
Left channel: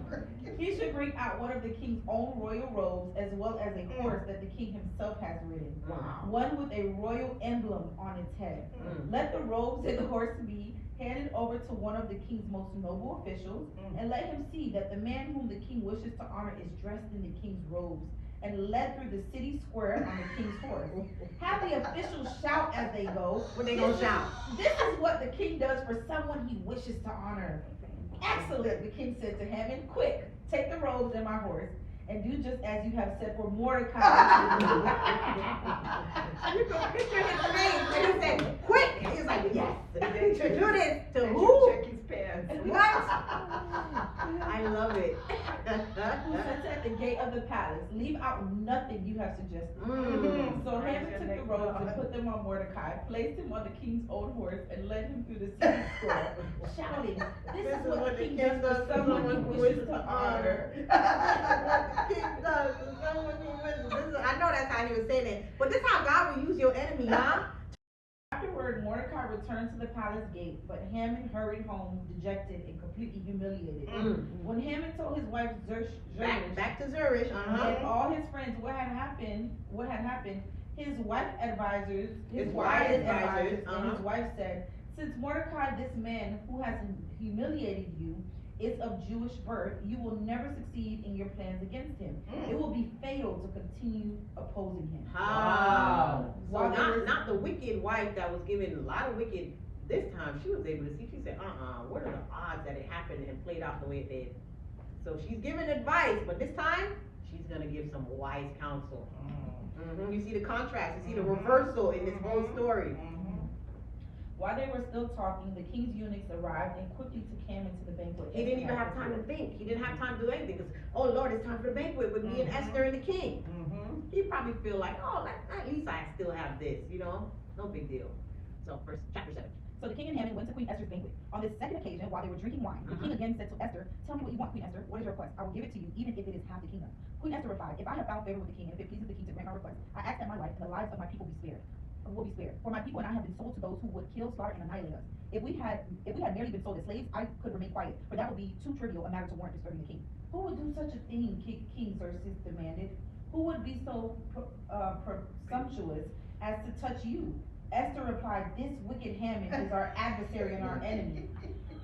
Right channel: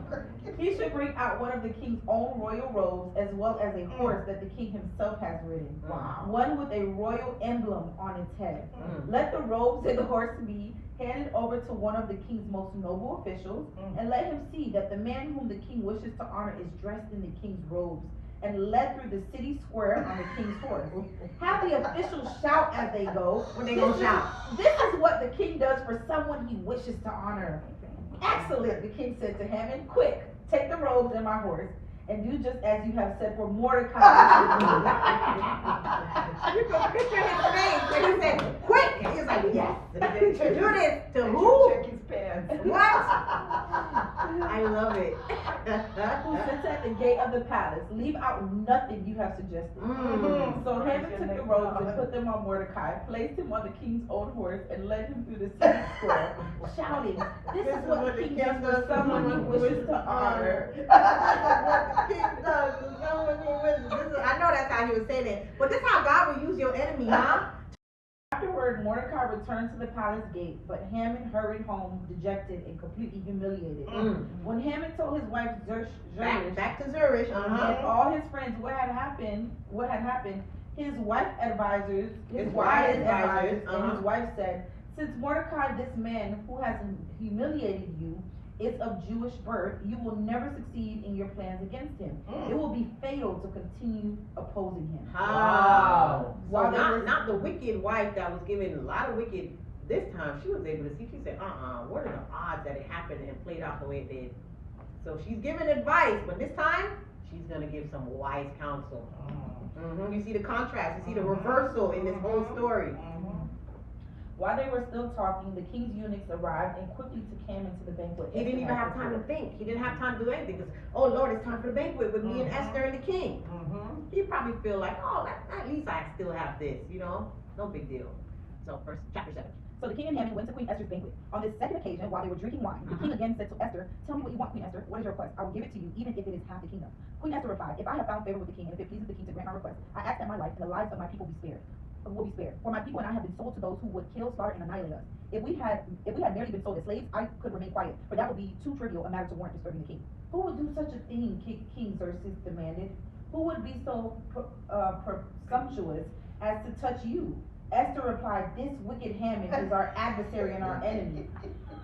He should bring out one of the king's own royal robes, as well as a horse that the king himself has ridden. Wow. One with a royal emblem on its head. Let the robes and the horse be handed over to one of the king's most noble officials, and let him see that the man whom the king wishes to honor is dressed in the king's robes, and led through the city square on the king's horse. Have the officials shout as they go. What they gonna shout? This is what the king does for someone he wishes to honor. Excellent, the king said to Haman. Quick, take the robes and my horse, and do just as you have said for Mordecai. You can picture his face when he said, quick! And he's like, yes. Do this to who? Check his pants. What? I love it. who sits at the gate of the palace. Leave out nothing you have suggested. So Haman took the robes and put them on Mordecai, placed him on the king's own horse, and led him through the city square, shouting, "This is what the king does for someone he wishes to honor." This is what the king does to someone he wishes. I know that's how he was saying it, but this is how God will use your enemy, huh? Afterward, Mordecai returned to the palace gate, but Haman hurried home, dejected and completely humiliated. When Haman told his wife Zeresh, Back to Zeresh, and all his friends what had happened, his wife advisors, and his wife said, "Since Mordecai, this man who has humiliated you, is of Jewish birth, you will never succeed in your plans against him. It will be fatal to continue opposing him." Wow. So While not the wicked wife that was given a lot of wicked this time. She was able to see. She said, what are the odds that it happened and played out the way it did? So she's giving advice, but this time she's gonna give some wise counsel. You see the contrast. You see the reversal in this whole story. While they were still talking, the king's eunuchs arrived and quickly took Haman to the banquet. He didn't even have time to think. He didn't have time to do anything because, oh Lord, it's time for the banquet with me and Esther and the king. He probably feel like, oh, at least I still have this, no big deal. So chapter 7. So the king and Haman went to Queen Esther's banquet. On this second occasion, while they were drinking wine, the king again said to Esther, "Tell me what you want, Queen Esther. What is your request? I will give it to you, even if it is half the kingdom." Queen Esther replied, "If I have found favor with the king, and if it pleases the king to grant my request, I ask that my life and the lives of my people will be spared. For my people and I have been sold to those who would kill, slaughter, and annihilate us. If we had merely been sold as slaves, I could remain quiet, for that would be too trivial a matter to warrant disturbing the king." Who would do such a thing? King Xerxes demanded. "Who would be so presumptuous as to touch you?" Esther replied, "This wicked Haman is our adversary and our enemy."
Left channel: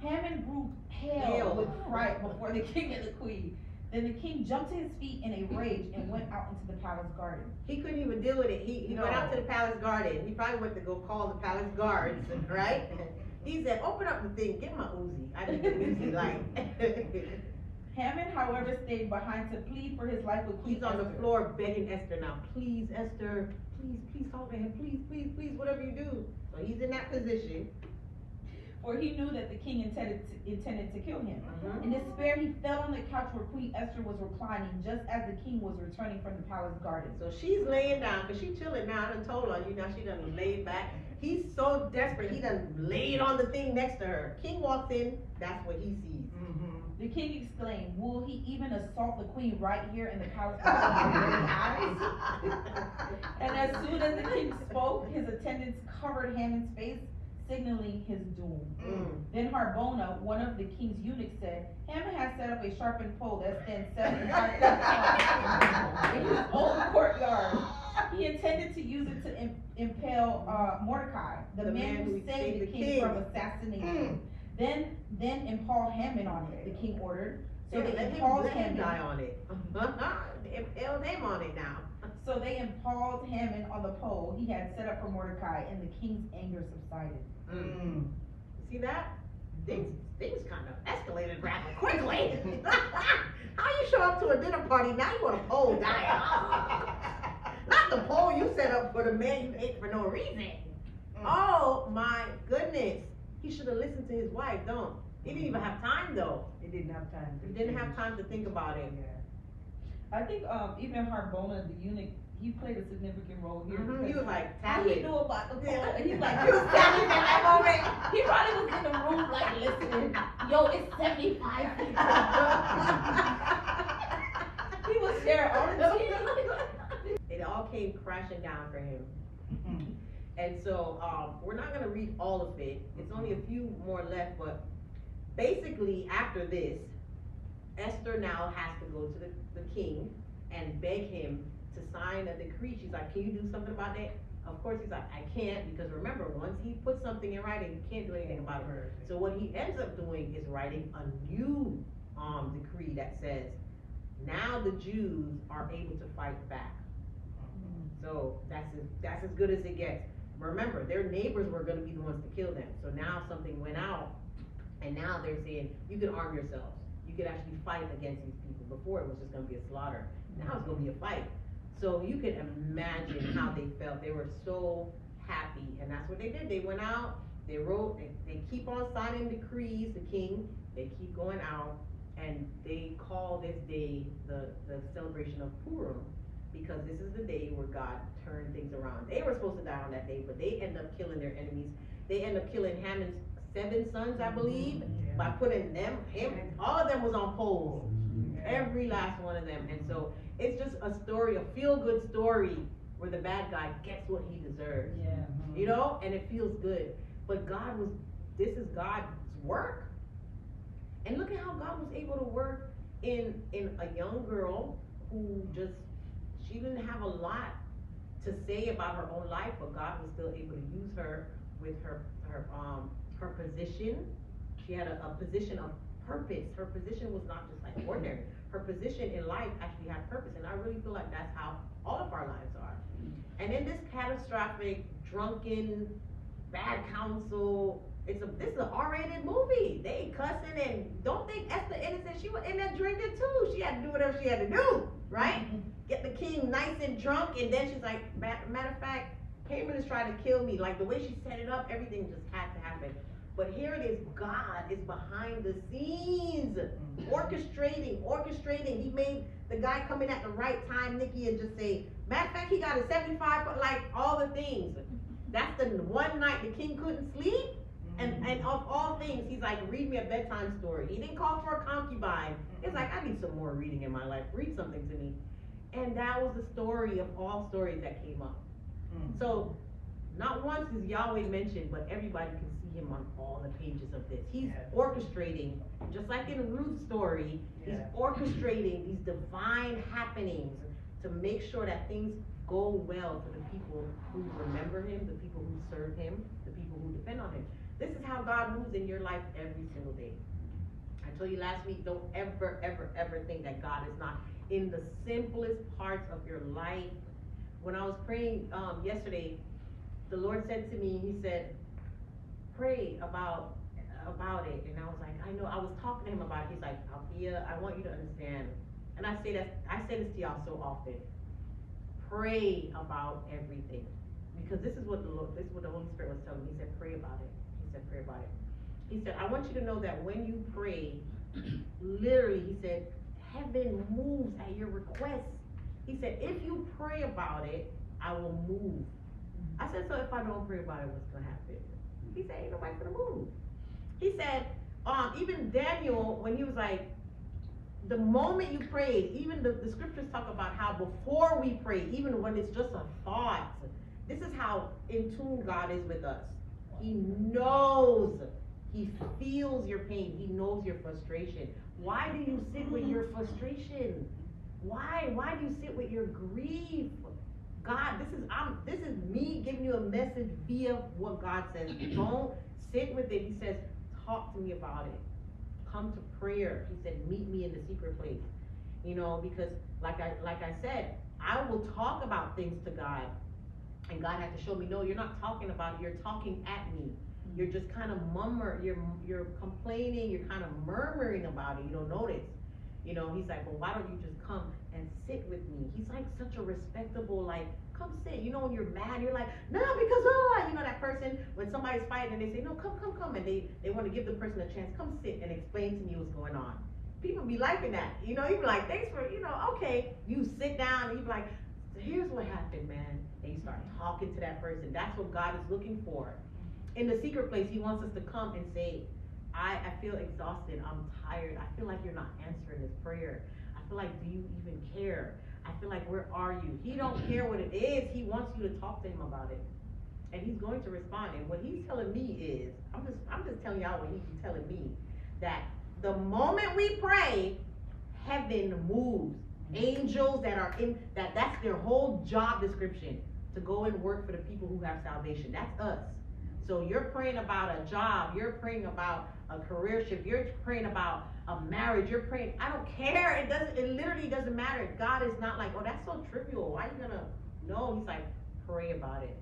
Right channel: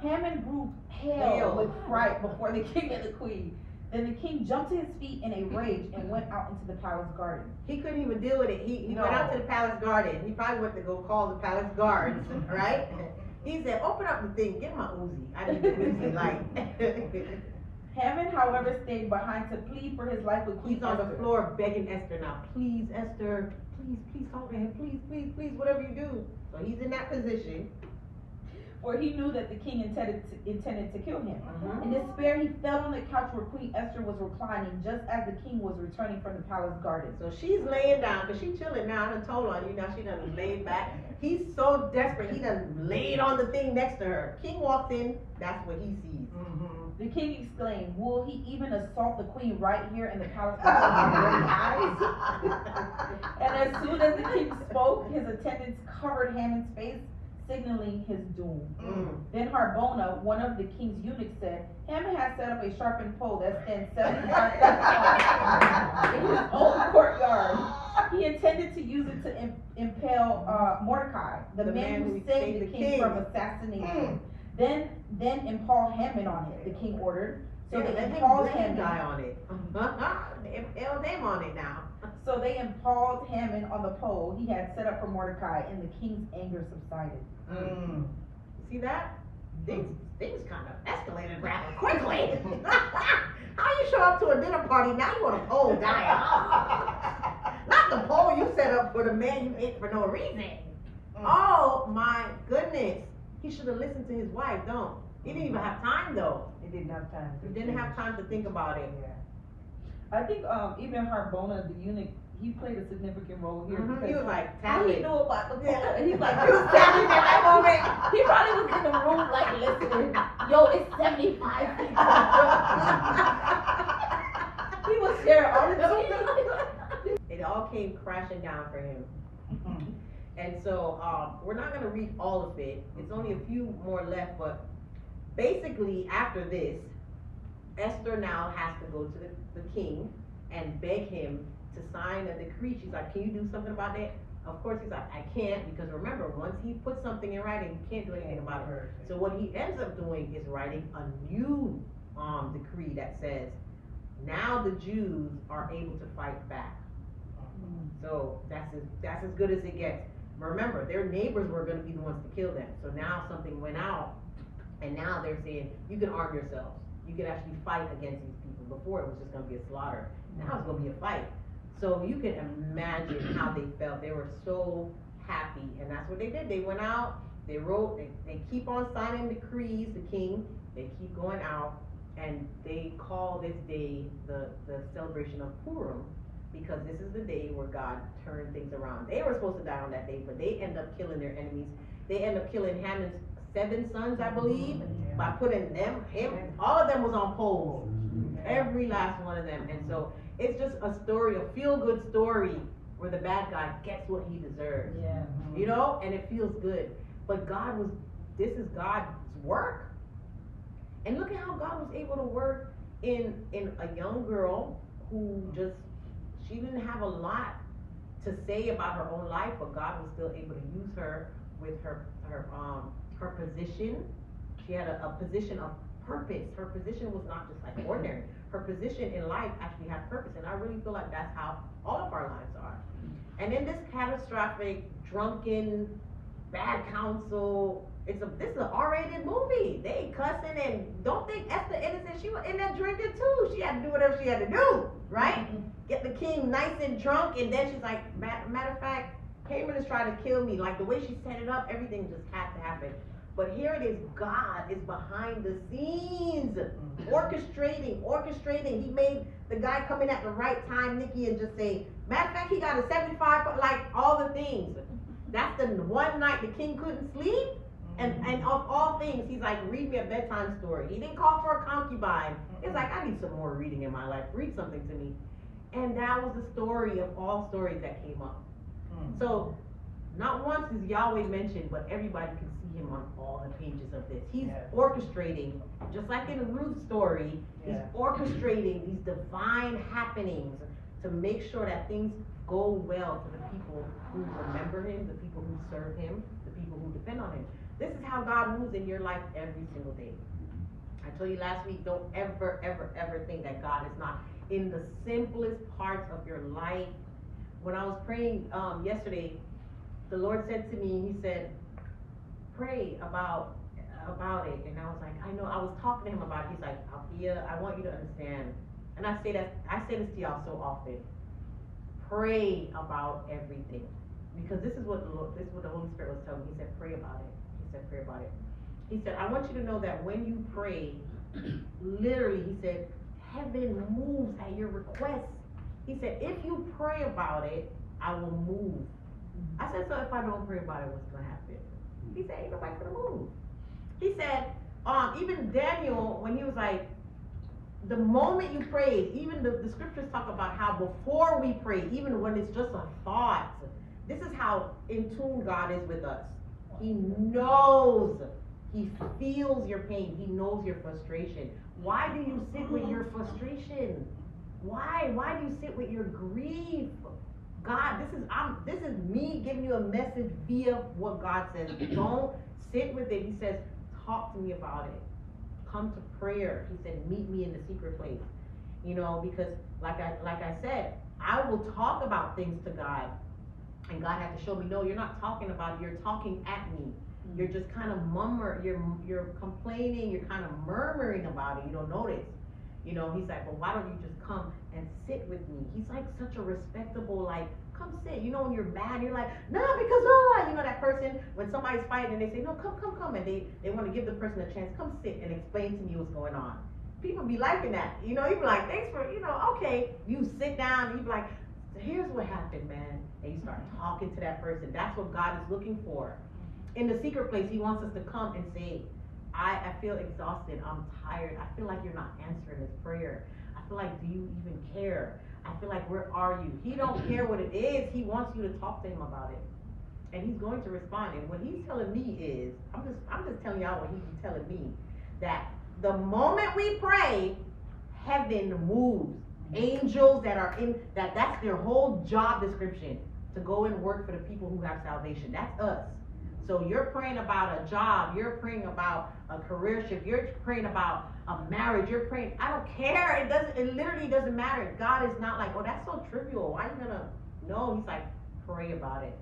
Haman grew pale with fright before the king and the queen. Then the king jumped to his feet in a rage and went out into the palace garden. He couldn't even deal with it. He went out to the palace garden. He probably went to go call the palace guards, right? He said, "Open up the thing, get my Uzi. I need the Uzi light." Haman, however, stayed behind to plead for his life with Queen He's on Esther. the floor begging Esther now, "Please, Esther, please talk to him, please, whatever you do." So he's in that position. For he knew that the king intended to kill him. In despair, he fell on the couch where Queen Esther was reclining, just as the king was returning from the palace garden. So she's laying down, because she's chilling now. I done told on you, now she done laid back. He's so desperate, he done laid on the thing next to her. King walks in, that's what he sees. The king exclaimed, "Will he even assault the queen right here in the palace before my very eyes?" And as soon as the king spoke, his attendants covered Haman's face, signaling his doom. Then Harbona, one of the king's eunuchs, said, "Haman has set up a sharpened pole that stands 75 feet tall in his own courtyard. He intended to use it to impale Mordecai, the man who saved the king from assassination. Then impale Haman on it," the king ordered. So they impaled Haman. Die on it. They impaled him on it now. So they impaled Haman on the pole he had set up for Mordecai, and the king's anger subsided. See that? Things kind of escalated rather quickly. How you show up to a dinner party, now you want a pole down? Not the pole you set up for the man you hate for no reason. Oh my goodness. He should have listened to his wife, He didn't even have time though. He didn't have time. He didn't have time to think about it. I think even Harbona, the eunuch, he played a significant role here. He was like, how he knew about the pole. Yeah. He's like, He was standing in that moment. he probably was in the room like listening. Yo, it's 75 feet. He was sharing all the tea. It all came crashing down for him. And so we're not going to read all of it. It's only a few more left, but basically after this, Esther now has to go to the king and beg him to sign a decree. She's like, "Can you do something about that?" Of course he's like, "I can't," because remember, once he puts something in writing, you can't do anything about it. So what he ends up doing is writing a new decree that says, now the Jews are able to fight back. So that's as good as it gets. Remember, their neighbors were going to be the ones to kill them. So now something went out, and now they're saying, you can arm yourselves. You can actually fight against these people. Before it was just going to be a slaughter. Now it's going to be a fight. So you can imagine how they felt. They were so happy, and that's what they did. They went out, they wrote, they keep on signing decrees, the king. They keep going out, And they call this day the celebration of Purim, because this is the day where God turned things around. They were supposed to die on that day, but they end up killing their enemies. They end up killing Haman's 7 sons, I believe, by putting him, all of them was on poles. Every last one of them. And so it's just a story, a feel-good story where the bad guy gets what he deserves. Yeah. You know, and it feels good. But this is God's work. And look at how God was able to work in a young girl who she didn't have a lot to say about her own life, but God was still able to use her with her position. She had a position of purpose. Her position was not just like ordinary. Her position in life actually had purpose, and I really feel like that's how all of our lives are. And in this catastrophic, drunken, bad counsel, this is an R-rated movie. They cussing, and don't think Esther innocent. She was in there drinking too. She had to do whatever she had to do, right? Get the king nice and drunk, and then she's like, matter of fact, Haman is trying to kill me. Like the way she set it up, everything just had to happen. But here it is, God is behind the scenes, orchestrating. He made the guy come in at the right time, Nikki, and just say, matter of fact, he got a 75, like all the things. That's the one night the king couldn't sleep. And of all things, he's like, read me a bedtime story. He didn't call for a concubine. It's like, I need some more reading in my life. Read something to me. And that was the story of all stories that came up. So, not once is Yahweh mentioned, but everybody can see him on all the pages of this. He's orchestrating, just like in Ruth's story, he's orchestrating these divine happenings to make sure that things go well for the people who remember him, the people who serve him, the people who depend on him. This is how God moves in your life every single day. I told you last week, don't ever, ever, ever think that God is not in the simplest parts of your life. When I was praying yesterday, the Lord said to me, he said, pray about it. And I was like, I know, I was talking to him about it. He's like, Althea, I want you to understand. And I say this to y'all so often. Pray about everything. Because this is what the Holy Spirit was telling me. He said, pray about it. Pray about it. He said, I want you to know that when you pray, literally, he said, heaven moves at your request. He said, if you pray about it, I will move. I said, so if I don't pray about it, what's going to happen? He said, ain't nobody going to move. He said, even Daniel, when he was like, the moment you pray, even the scriptures talk about how before we pray, even when it's just a thought, this is how in tune God is with us. He knows, he feels your pain, he knows your frustration. Why do you sit with your frustration? Why do you sit with your grief? God, this is me giving you a message via what God says. Don't sit with it. He says, talk to me about it. Come to prayer. He said, meet me in the secret place. You know, because like I said, I will talk about things to God. And God had to show me, no, you're not talking about it, you're talking at me. You're just kind of you're complaining, you're kind of murmuring about it, you don't notice. You know, he's like, well, why don't you just come and sit with me? He's like such a respectable, like, come sit. You know, when you're mad, you're like, no, because, you know, that person, when somebody's fighting and they say, no, come, and they want to give the person a chance, come sit and explain to me what's going on. People be liking that, you know, you be like, thanks for, you know, okay. You sit down and you be like, so here's what happened, man. And you start talking to that person. That's what God is looking for. In the secret place, he wants us to come and say, I feel exhausted, I'm tired, I feel like you're not answering this prayer. I feel like, do you even care? I feel like, where are you? He don't care what it is, he wants you to talk to him about it. And he's going to respond. And what he's telling me is, I'm just telling y'all what he's telling me, that the moment we pray, heaven moves. Angels that are in, that's their whole job description, to go and work for the people who have salvation. That's us. So you're praying about a job, you're praying about a career shift, you're praying about a marriage, you're praying, I don't care, it literally doesn't matter. God is not like, oh, that's so trivial, why are you gonna, no, he's like, pray about it.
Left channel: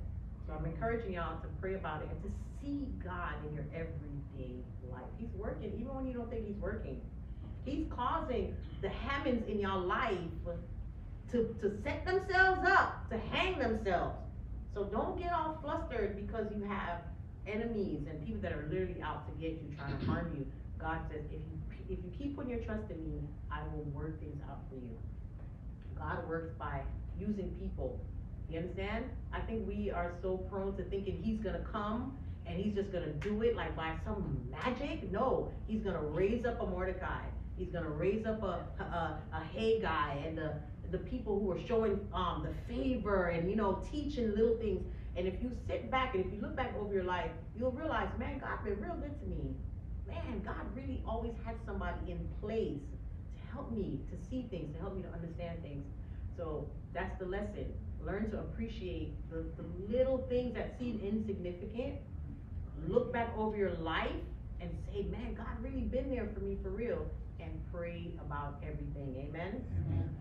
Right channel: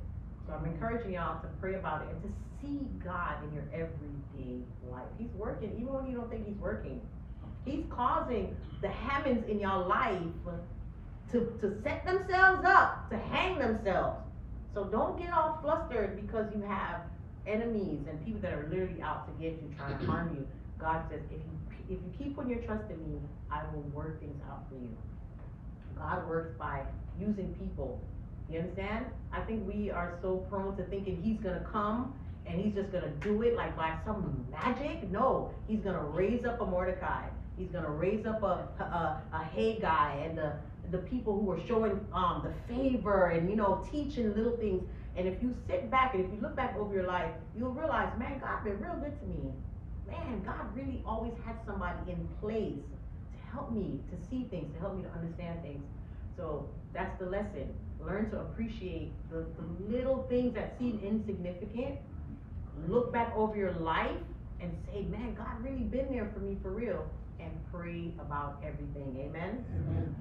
So I'm encouraging y'all to pray about it and to see God in your everyday life. He's working, even when you don't think he's working. He's causing the Hamans in your life to set themselves up, to hang themselves. So don't get all flustered because you have enemies and people that are literally out to get you, trying to harm you. God says, if you keep putting your trust in me, I will work things out for you. God works by using people. You understand? I think we are so prone to thinking he's gonna come and he's just gonna do it like by some magic. No, he's gonna raise up a Mordecai. He's gonna raise up a Haggai and the people who are showing the favor and teaching little things. And if you sit back and if you look back over your life, you'll realize, man, God been real good to me. Man, God really always had somebody in place to help me to see things, to help me to understand things. So that's the lesson. Learn to appreciate the little things that seem insignificant. Look back over your life and say, man, God really been there for me for real. And pray about everything. Amen? Amen.